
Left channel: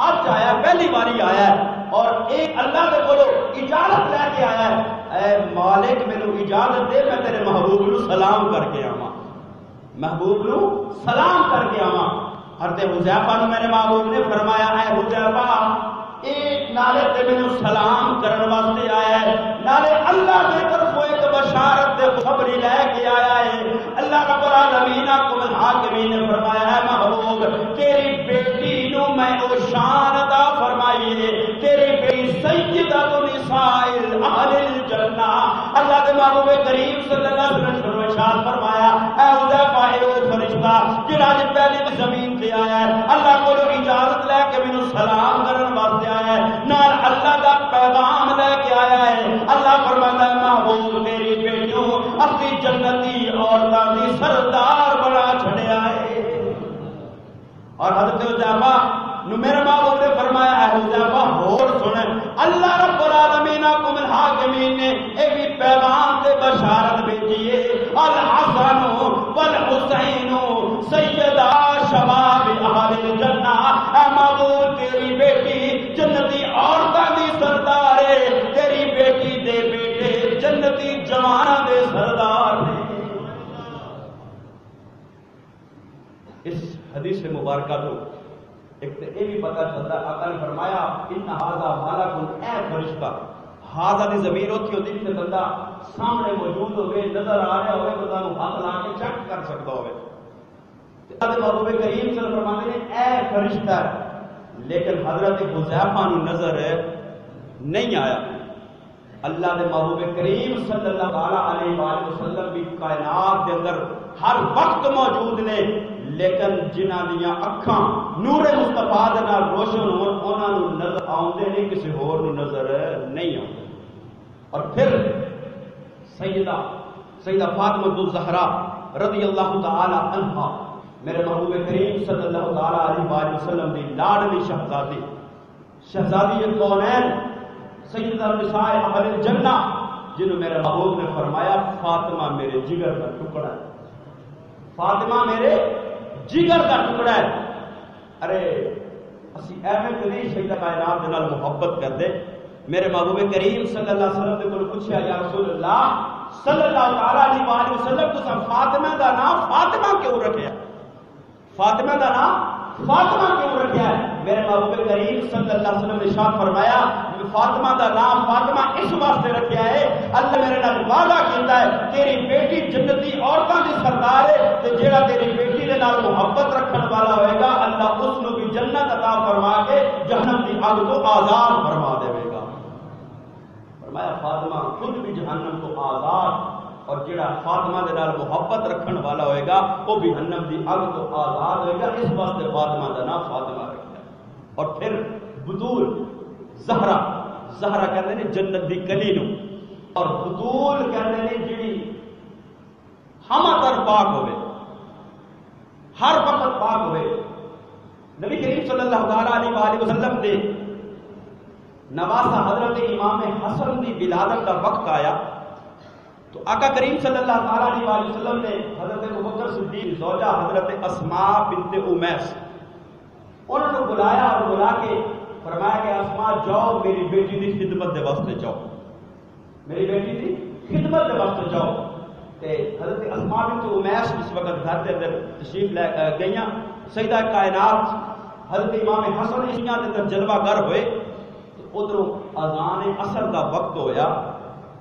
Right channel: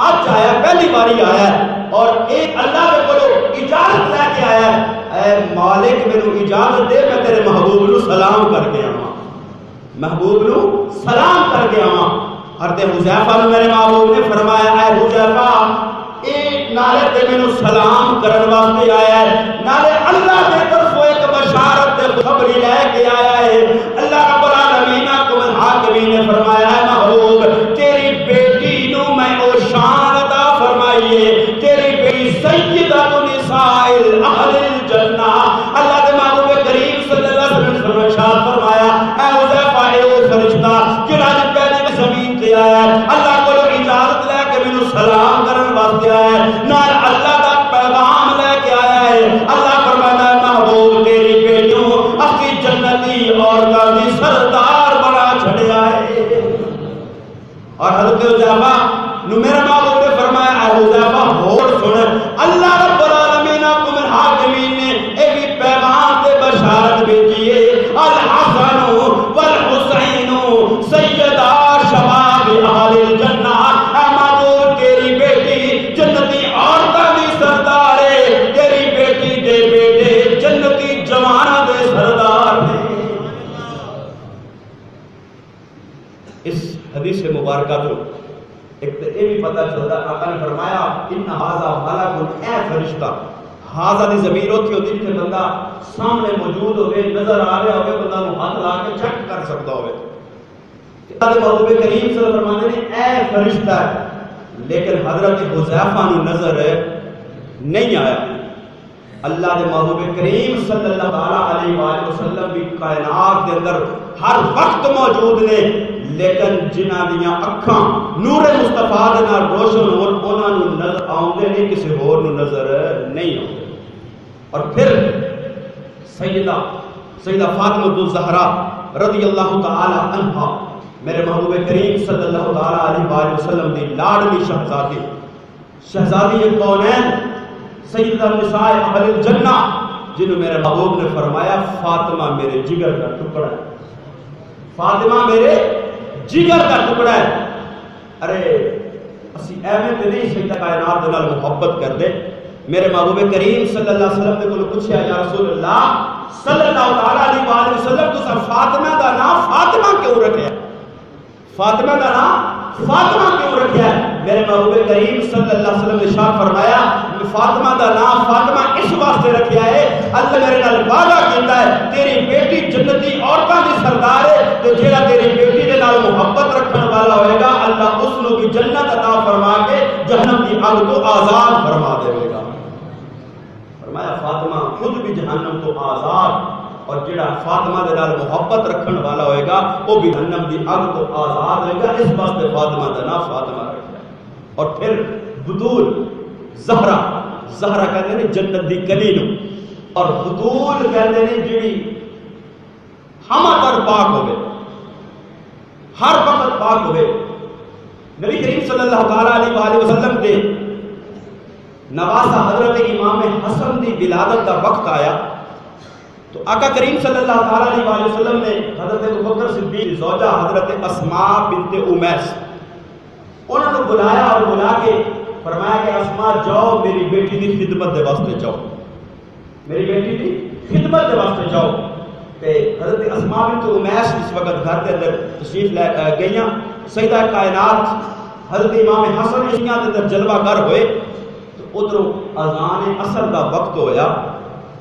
آج آیا, پہلی باری آیا ہے اور ایک اللہ کے بولو اجازت لے کے آیا ہے اے مالک مینوں اجازت دے میں تیرے محبوب نو سلام کر کے آواں. محبوب نو سلام کر کے آواں. حضرت حذیفہ نو میرے محبوب نے فرمایا اے حذیفہ ایک نالے تے مینوں سلام کرن واسطے آیا ہے, نالے اللہ دے طرف ایک بشارت تے خبری لے کے آیا ہے. اللہ رب العالمین کو حاکمین نے فرمایا ہے محبوب تیری بیٹی نو میں او شان عطا فرمائیے, تیری بیٹی سیدہ نساء اہل الجنہ. اللہ کے محبوب کریم صلی اللہ علیہ وسلم نے فرمایا اے حذیفہ اے او فرشتہ جڑا پہلے زمین تے آیا ہے اللہ کو اجازت لے کے مینوں سلام کرن واسطے آیا ہے, نال اللہ دا پیغام لے کے آیا ہے. اللہ فرماتا ہے محبوب تیری بیٹیوں اسی جنتی عورتاں دی سردار بنا چھڑیا ہے. اور حضرت حذیفہ نو میرے محبوب نے فرمایا اے حذیفہ ہور سن اللہ رب العالمین کو من حاکمین نے ایک پیغام تے بشارت بھیجی ہے الحسن والحسین سیدہ شباب اہل الجنہ. اے محبوب تیری بیٹی جنتی عورتاں دی سردار ہے, تیری بیٹی دے بیٹے جنتی جواناں دے سردار نے. اس حدیث مبارکہ تو ایک تو یہ بھی پتہ چلتا ہے، آقا نے فرمایا ان ھذا ملک، اے فرشتہ، ھذا دی ضمیر ہوتی ہوتی کہ بندہ سامنے موجود ہوئے، نظر آ رہا ہوئے، بندہ نو ہاتھ لا کے چیک کر سکتا ہوئے۔ اللہ محبوب کریم صلی اللہ علیہ وسلم فرماتے ہیں اے فرشتہ، لیکن حضرت حذیفہ نو نظر نہیں آیا۔ اللہ دے محبوب کریم صلی اللہ علیہ وآلہ وسلم بھی کائنات دے اندر ہر وقت موجود نے، لیکن جنہ دیاں اکھاں نور مصطفیٰ دے نال روشن ہون، انہاں نو نظر آوندے نہیں، کسی ہور نو نظر نہیں آوندے۔ اور پھر سیدہ فاطمہ الزہرا رضی اللہ تعالی عنہا، میرے محبوب کریم صلی اللہ تعالی علیہ وآلہ وسلم دی لاڈلی شہزادی کونین، سیدہ نساء اہل الجنہ، جنہوں میرے محبوب نے فرمایا فاطمہ میرے جگر کا ٹکڑا ہے، فاطمہ میرے جگر کا ٹکڑا ہے۔ ارے اسی ایویں تے نہیں سیدہ کائنات دے نال محبت کر دے۔ میرے محبوب کریم صلی اللہ علیہ وسلم نے کول پوچھیا یا رسول اللہ صلی اللہ تعالی علیہ وآلہ وسلم تساں فاطمہ دا نام فاطمہ کیوں رکھیا ہے؟ فاطمہ دا نام فاطمہ کیوں رکھیا ہے؟ میرے محبوب کریم صلی اللہ علیہ وسلم نے ارشاد فرمایا فاطمہ دا نام فاطمہ اس واسطے رکھیا ہے، اللہ میرے نال وعدہ کیتا ہے تیری بیٹی جنتی عورتاں دی سردار ہے، تے جیڑا تیری بیٹی دے نال محبت رکھن والا ہوئے گا اللہ اس نو بھی جنت عطا فرما کے جہنم کی اگ تو آزاد فرما دے گا۔ فرمایا فاطمہ خود بھی جہنم تو آزاد، اور جڑا فاطمہ دے نال محبت رکھن والا ہوئے گا وہ بھی جہنم دی اگ تو آزاد ہوئے گا، اس واسطے فاطمہ دا نام فاطمہ رکھا ہے۔ اور پھر بدول زہرا کہتے ہیں جنت دی کلی نو، اور بدول کہتے ہیں جڑی ہمہ تر پاک ہوئے، ہر وقت پاک ہوئے۔ نبی کریم صلی اللہ تعالی علیہ وآلہ وسلم دے نواسہ حضرت امام حسن دی ولادت کا وقت آیا تو آقا کریم صلی اللہ تعالی علیہ وآلہ وسلم نے حضرت ابوبکر صدیق زوجہ حضرت اسماء بنت امیس انہوں نے بلایا اور بلا کے فرمایا کہ اسماء جاؤ میری بیٹی دی خدمت دے واسطے جاؤ، میری بیٹی دی خدمت دے واسطے جاؤ۔ تے حضرت اسماء بنت امیس اس وقت گھر دے اندر تشریف لے گئیاں، سیدہ کائنات حضرت امام حسن اشیاء دے اندر جلوہ گر ہوئے تو ادھر اذان اثر دا وقت ہویا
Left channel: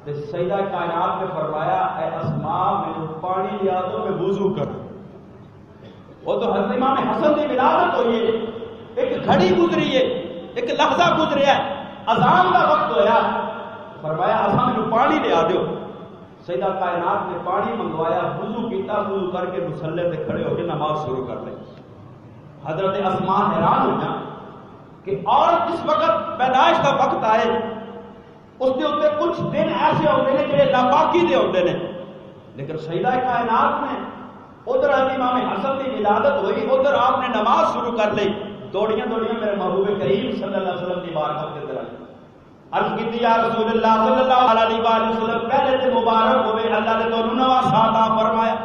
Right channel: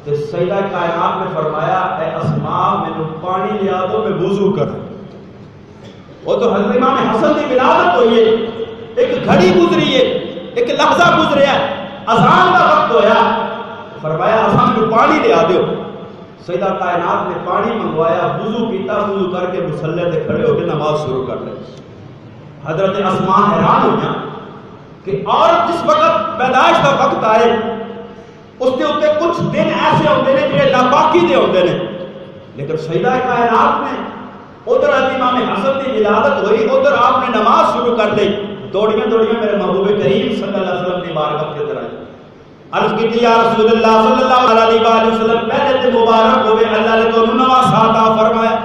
تے سیدہ کائنات نے فرمایا اے اسماء میں پانی لیا دو میں وضو کروں۔ وہ تو حضرت امام حسن کی ولادت ہوئی ہے، ایک گھڑی گزری ہے، ایک لحظہ گزریا ہے، اذان کا وقت ہویا، فرمایا اسماء میں پانی لیا دو۔ سیدہ کائنات نے پانی منگوایا، وضو کیتا، وضو کر کے مصلی تے کھڑے ہو کے نماز شروع کر لی۔ حضرت اسماء حیران ہوئی کہ اور جس وقت پیدائش کا وقت آئے اس کے اوپر کچھ دن ایسے ہوتے ہیں جنہیں ناپاکی دے ہوتے ہیں، لیکن سیدہ کائنات نے ادھر امام حسن کی ولادت ہوئی، ادھر آپ نے نماز شروع کر لی، دوڑیاں میرے محبوب کریم صلی اللہ علیہ وسلم کی بارگاہ کے اندر آئی، عرض کی یا رسول اللہ صلی اللہ علیہ وآلہ وسلم پہلے تے مبارک ہوئے اللہ نے تو نواں ساتھ فرمایا۔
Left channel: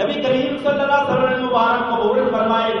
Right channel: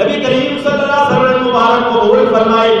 نبی کریم صلی اللہ علیہ وسلم نے مبارک قبول فرمائے۔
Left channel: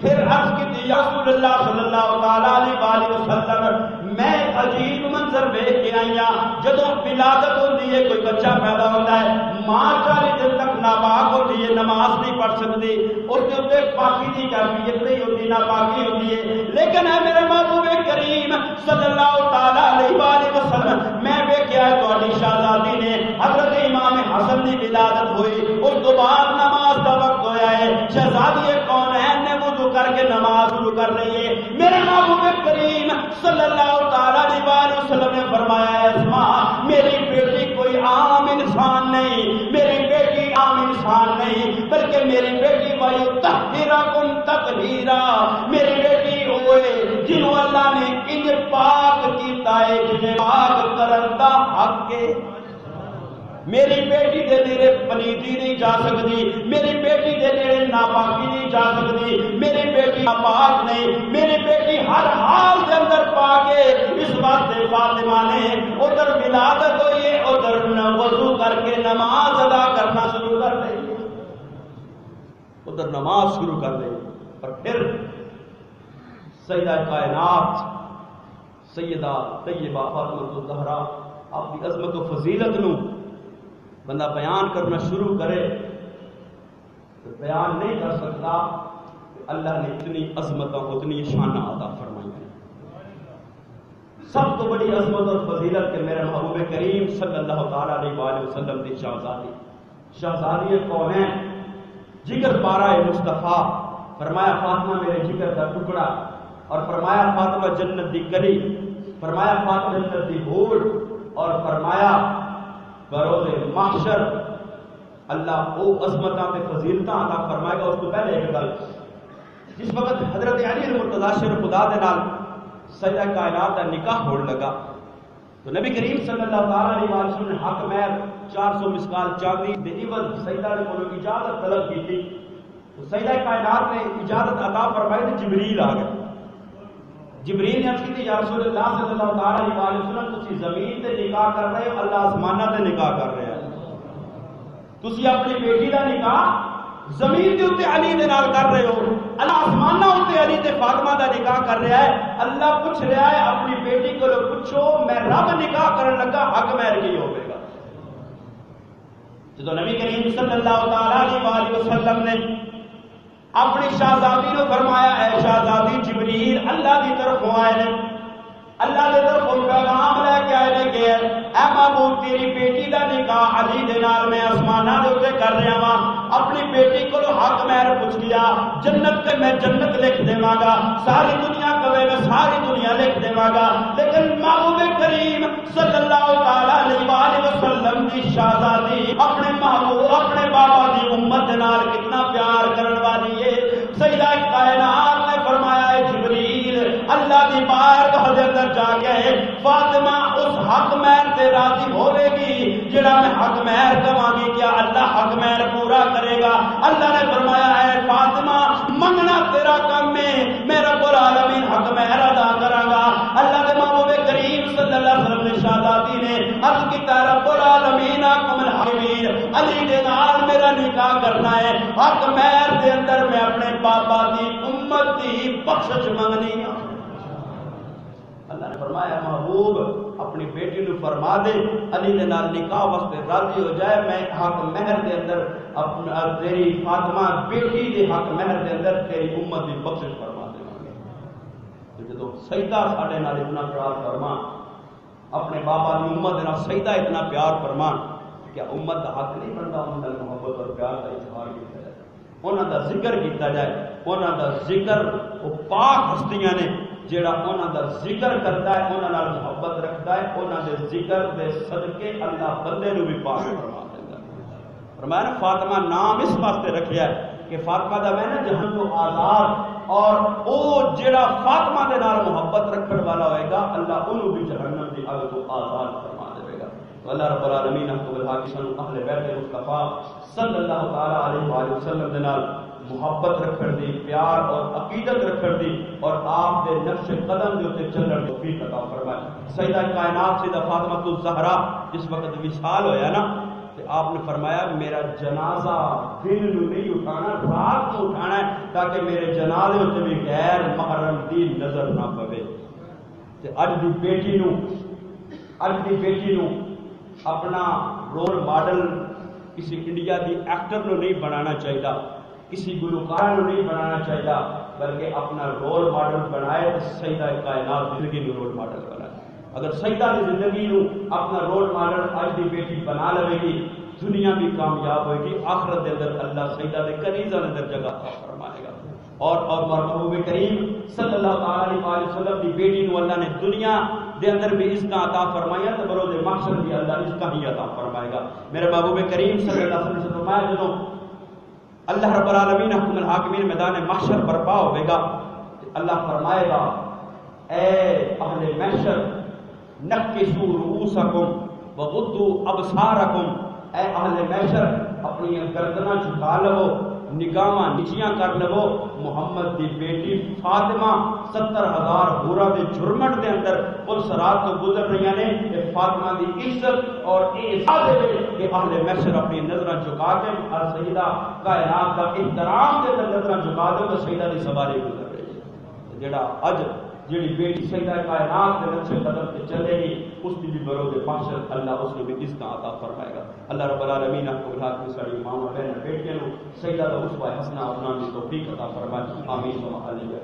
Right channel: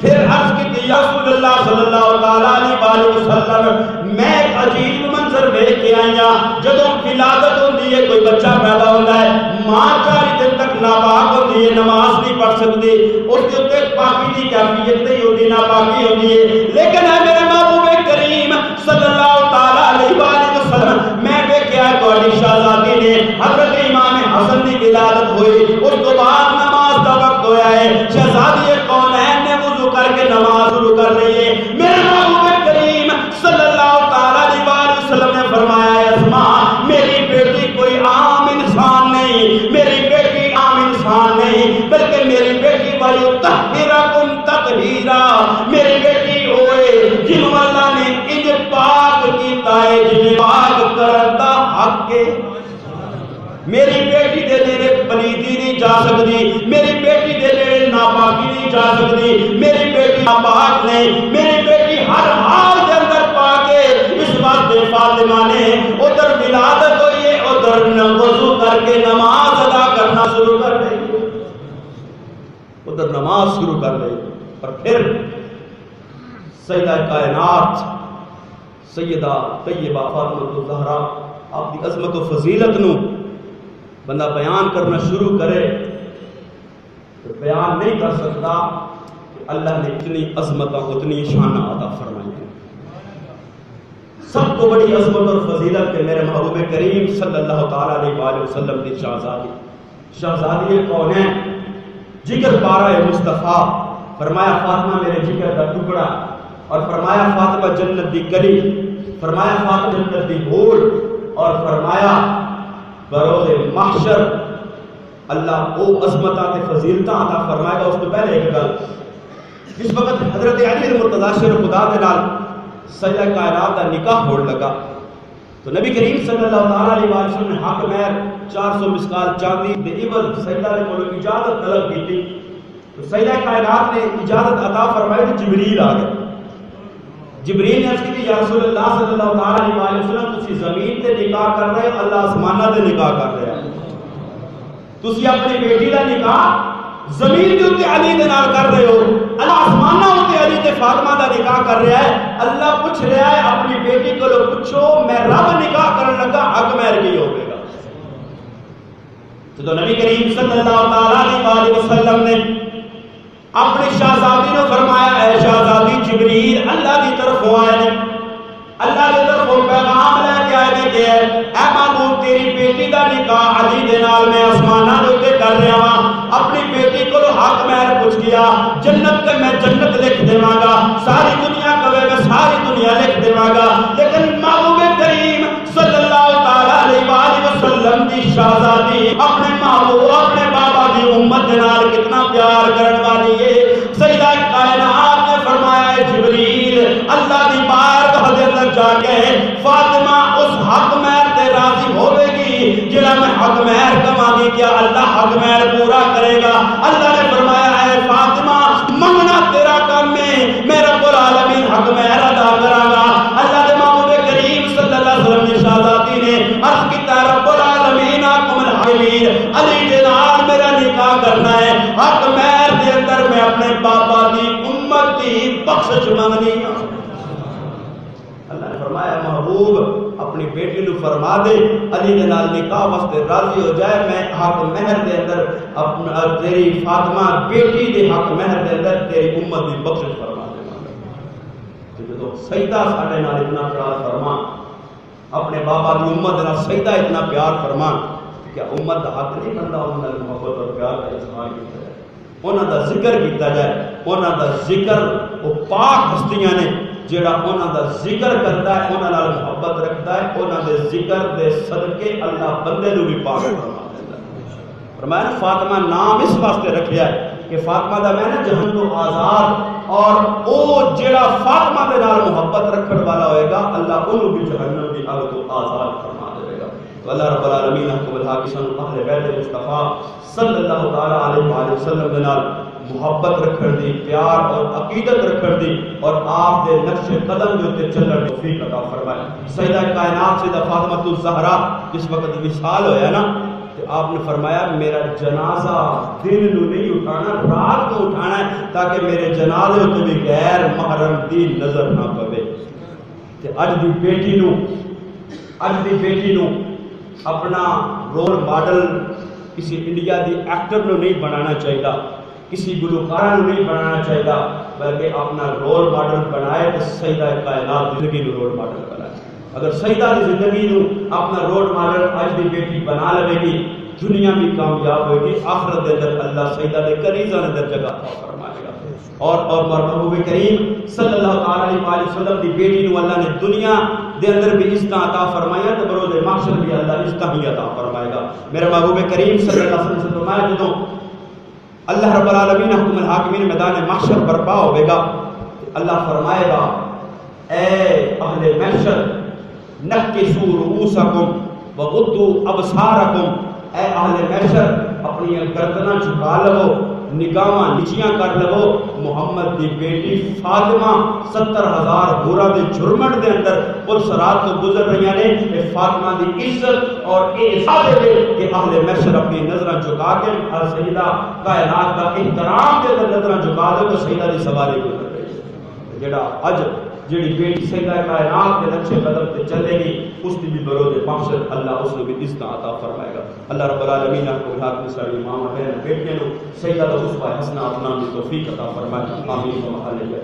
پھر عرض کی یا رسول اللہ صلی اللہ علیہ وآلہ وسلم میں ایک عجیب منظر دیکھ کے آیا، جدوں ولادت ہوندی ہے کوئی بچہ پیدا ہوتا ہے، ماں 4 دن تک ناپاک ہوتی ہے، نماز نہیں پڑھ سکتی، اس کے اوپر پاکی کی کیفیت نہیں ہوتی، ناپاکی ہوتی ہے، لیکن ہے میرے محبوب کریم صلی اللہ تعالی علیہ وآلہ وسلم میں دیکھا تہاڈی شہزادی نے حضرت امام حسن کی ولادت ہوئی، اس کے بعد نماز کا وقت ہویا ہے، شہزادی کونین نے وضو کر کے نماز شروع کر لی ہے۔ میرے محبوب کریم صلی اللہ تعالی علیہ وآلہ وسلم نے فرمایا ہے اسماء میری بیٹی کوئی عام انسان نہیں، میری بیٹی عام انسان نہیں، بلکہ میری بیٹی وَيُطَهِّرَكُمْ تَطْهِيرًا، میری بیٹی ہوئے جنہوں اللہ نے انج پاک کیتا ہے جنہیں پاک کرن دا حق ہے۔ میری بیٹی دے نیڑے پلیتی نہیں جا سکتی، میری بیٹی دے نیڑے ناپاکی نہیں جا سکتی، میری بیٹی ناپاک نہیں، میری بیٹی ہر حال کے اندر پاک ہے۔ اس واسطے فاطمہ نے ادھر ولادت ہوئی ہے، ادھر وضو کر کے نماز ادا کرنا شروع کر دی، ادھر نماز شروع کر دی۔ اور پھر سیدہ کائنات سیدہ طیبہ فاطمہ الزہرا آپ کی عظمت و فضیلت نو بندہ بیان کرنا شروع کرے بیان نہیں کر سکتا کہ اللہ نے اتنی عظمت اتنی شان عطا فرمائی ہے۔ سب کو بڑی عظمت اور فضیلت کے میرے محبوب کریم صلی اللہ تعالیٰ علیہ وآلہ وسلم کی شہزادی کون ہے؟ جگر پارہ مصطفیٰ، فرمایا فاطمہ میرے جگر کا ٹکڑا، اور فرمایا فاطمہ جنت دی کلی، فرمایا فاطمہ جنت دی حور، اور فرمایا بروز محشر اللہ او عظمتاں تے فضیلتاں عطا فرمائے گا۔ اس تو پہلے ایک گل، جس وقت حضرت علی المرتضیٰ شیر خدا دے نال سجدہ کائنات دا نکاح ہوڑ لگا تو نبی کریم صلی اللہ تعالیٰ علیہ وسلم نے حق مہر 400 مسکال چاندی دے عوض سجدہ دے کولوں اجازت طلب کی تھی، تو سجدہ کائنات نے اجازت عطا فرمائی تو جبریل آ گئے۔ جبریل نے عرض کی یا رسول اللہ صلی اللہ تعالیٰ علیہ وسلم تسی زمین تے نکاح کر رہے ہو، اللہ آسمانہ تے نکاح کر رہے ہیں، تسی اپنی بیٹی دا نکاح زمین دے اوتے علی دے نال کر رہے ہو، اللہ آسمانہ اوتے علی تے فاطمہ دا نکاح کر رہا ہے۔ اللہ پوچھ رہا ہے اپنی بیٹی کو پوچھو میں رب نکاح کرن لگا حق مہر کی ہوے گا؟ تو نبی کریم صلی اللہ تعالیٰ علیہ وسلم نے اپنی شہزادی نے فرمایا اے شہزادی جبریل اللہ دی طرف آئے نے، اللہ دی طرف پیغام لے کے آئے نے کہ اے محبوب تیری بیٹی دا نکاح علی دے نال میں آسمانہ دے اوتے کر رہا ہاں، اپنی بیٹی کو حق مہر پوچھ گیا، جنت کے میں جنت لکھ دیواں گا، ساری دنیا کہے میں ساری دنیا لکھ دیواں گا، لیکن محبوب کریم صلی اللہ تعالیٰ علیہ وآلہ وسلم دی شہزادی اپنے محبوب اپنے بابا دی امت دے نال کتنا پیار کرن والی ہے۔ سیدہ کائنات نے فرمایا ہے جبریل اللہ دی بارگاہ دے اندر جا کے فاطمہ اس حق مہر تے راضی ہوے گی جڑا میں حق مہر کما دی، کیا اللہ حق مہر پورا کرے گا؟ اللہ نے فرمایا اے فاطمہ منگنا تیرا کام ہے، میں رب العالمین حق مہر ادا کراں گا۔ اللہ دے محبوب کریم صلی اللہ علیہ وسلم نے شہزادی نے عرض کیتا رب العالمین حکم الحاکمین علی دے نال میرا نکاح کرنا ہے، حق مہر دے اندر میں اپنے بابا دی امت دی بخشش منگنی ہے۔ اللہ نے فرمایا محبوب اپنی بیٹی نو فرما دے علی دے نال نکاح واسطے راضی ہو جائے، میں حق مہر دے اندر تیری فاطمہ بیٹی دے حق مہر دے اندر تیری امت دی بخشش فرما دے گا۔ تو جدو سیدہ ساڈے نال اتنا پیار فرما، اپنے بابا دی امت دے نال سیدہ اتنا پیار فرما، کیا امت دا حق نہیں بنتا انہاں نال محبت اور پیار کا اظہار کیتا جائے، انہاں دا ذکر کیتا جائے، انہاں دا ذکر وہ پاک ہستیاں نے جیڑا انہاں دا ذکر کرتا ہے، انہاں نال محبت رکھتا ہے، انہاں دے ذکر دے صدقے اللہ بندے نو بھی پاک فرما دیتا ہے۔ فرمایا نا فاطمہ نام اس واسطے رکھیا ہے کہ فاطمہ دا میں نا جہنم تو آزاد، اور او جیڑا فاطمہ دے نال محبت رکھن والا ہوئے گا اللہ انہوں بھی جہنم دی اگ تو آزاد فرما دے گا۔ تو اللہ رب العالمین حکم الحاکم اہل بیت مصطفیٰ صلی اللہ تعالیٰ علیہ وآلہ وسلم دے نال محبت رکھن دی، پیار اور عقیدت رکھن دی، اور آپ دے نقش قدم دے اوتے چلن دی توفیق عطا فرمائے۔ سیدہ کائنات سیدہ فاطمہ الزہرا جس وقت وصال ہویا نا کہ آپ نے فرمایا میرا جنازہ دن نو نہیں اٹھانا، رات کو اٹھانا ہے تاکہ میرے جنازے ہوتے بھی غیر محرم دی نظر نہ پوے۔ تے اج دی بیٹی نو اپنا رول ماڈل کسی انڈیا دی ایکٹر نو نہیں بنانا چاہیے، کسی گلوکارہ نو نہیں بنانا چاہیے، بلکہ اپنا رول ماڈل بنائے تو سیدہ کائنات زندگی نو رول ماڈل بنائے۔ اگر سیدہ دی زندگی نو اپنا رول ماڈل آج دی بیٹی بنا لے گی، دنیا بھی کامیاب ہوئے گی، آخرت دے اندر اللہ سیدہ دے کنیزہ دے اندر جگہ عطا فرمائے گا۔ اور محبوب کریم صلی اللہ تعالیٰ علیہ وسلم دی بیٹی نو اللہ نے دنیا دے اندر بھی عزت عطا فرمایا تو بروز محشر بھی اللہ عزت ہی عطا فرمائے گا۔ میرے محبوب کریم صلی اللہ علیہ وسلم فرمایا جدوں اللہ رب العالمین حکم الحاکمین میدان محشر برپا ہوئے گا، اللہ فرمائے گا اے اہل محشر نکسوا رؤوسکم وغضوا ابصارکم، اے اہل محشر اپنی گردناں جھکا لو، نگاہاں نیچیاں کر لو، محمد دی بیٹی فاطمہ 70,000 حورا دے جھرمٹ دے اندر پل صراط تو گزر رہی نے، اے فاطمہ دی عزت اور اعزاز دے کہ اہل محشر اپنی نظریں جھکا کے ہر سیدہ کائنات کا احترام دے اندر نظریں جھکا دے تو سیدہ دی سواری گزر رہی ہے۔ جڑا اج جڑی بیٹی سیدہ کائنات دے نقش قدم تے چلے گی، اس دی بھی برود محشر اللہ اس نے بھی عزت عطا فرمائے گا. اللہ رب العالمین آپ کو ہاتھ میں ساری ماں بہن بیٹیاں نو سیدہ اسوہ حسنہ اپنا بھی توفیق عطا فرمائے. آمین و محل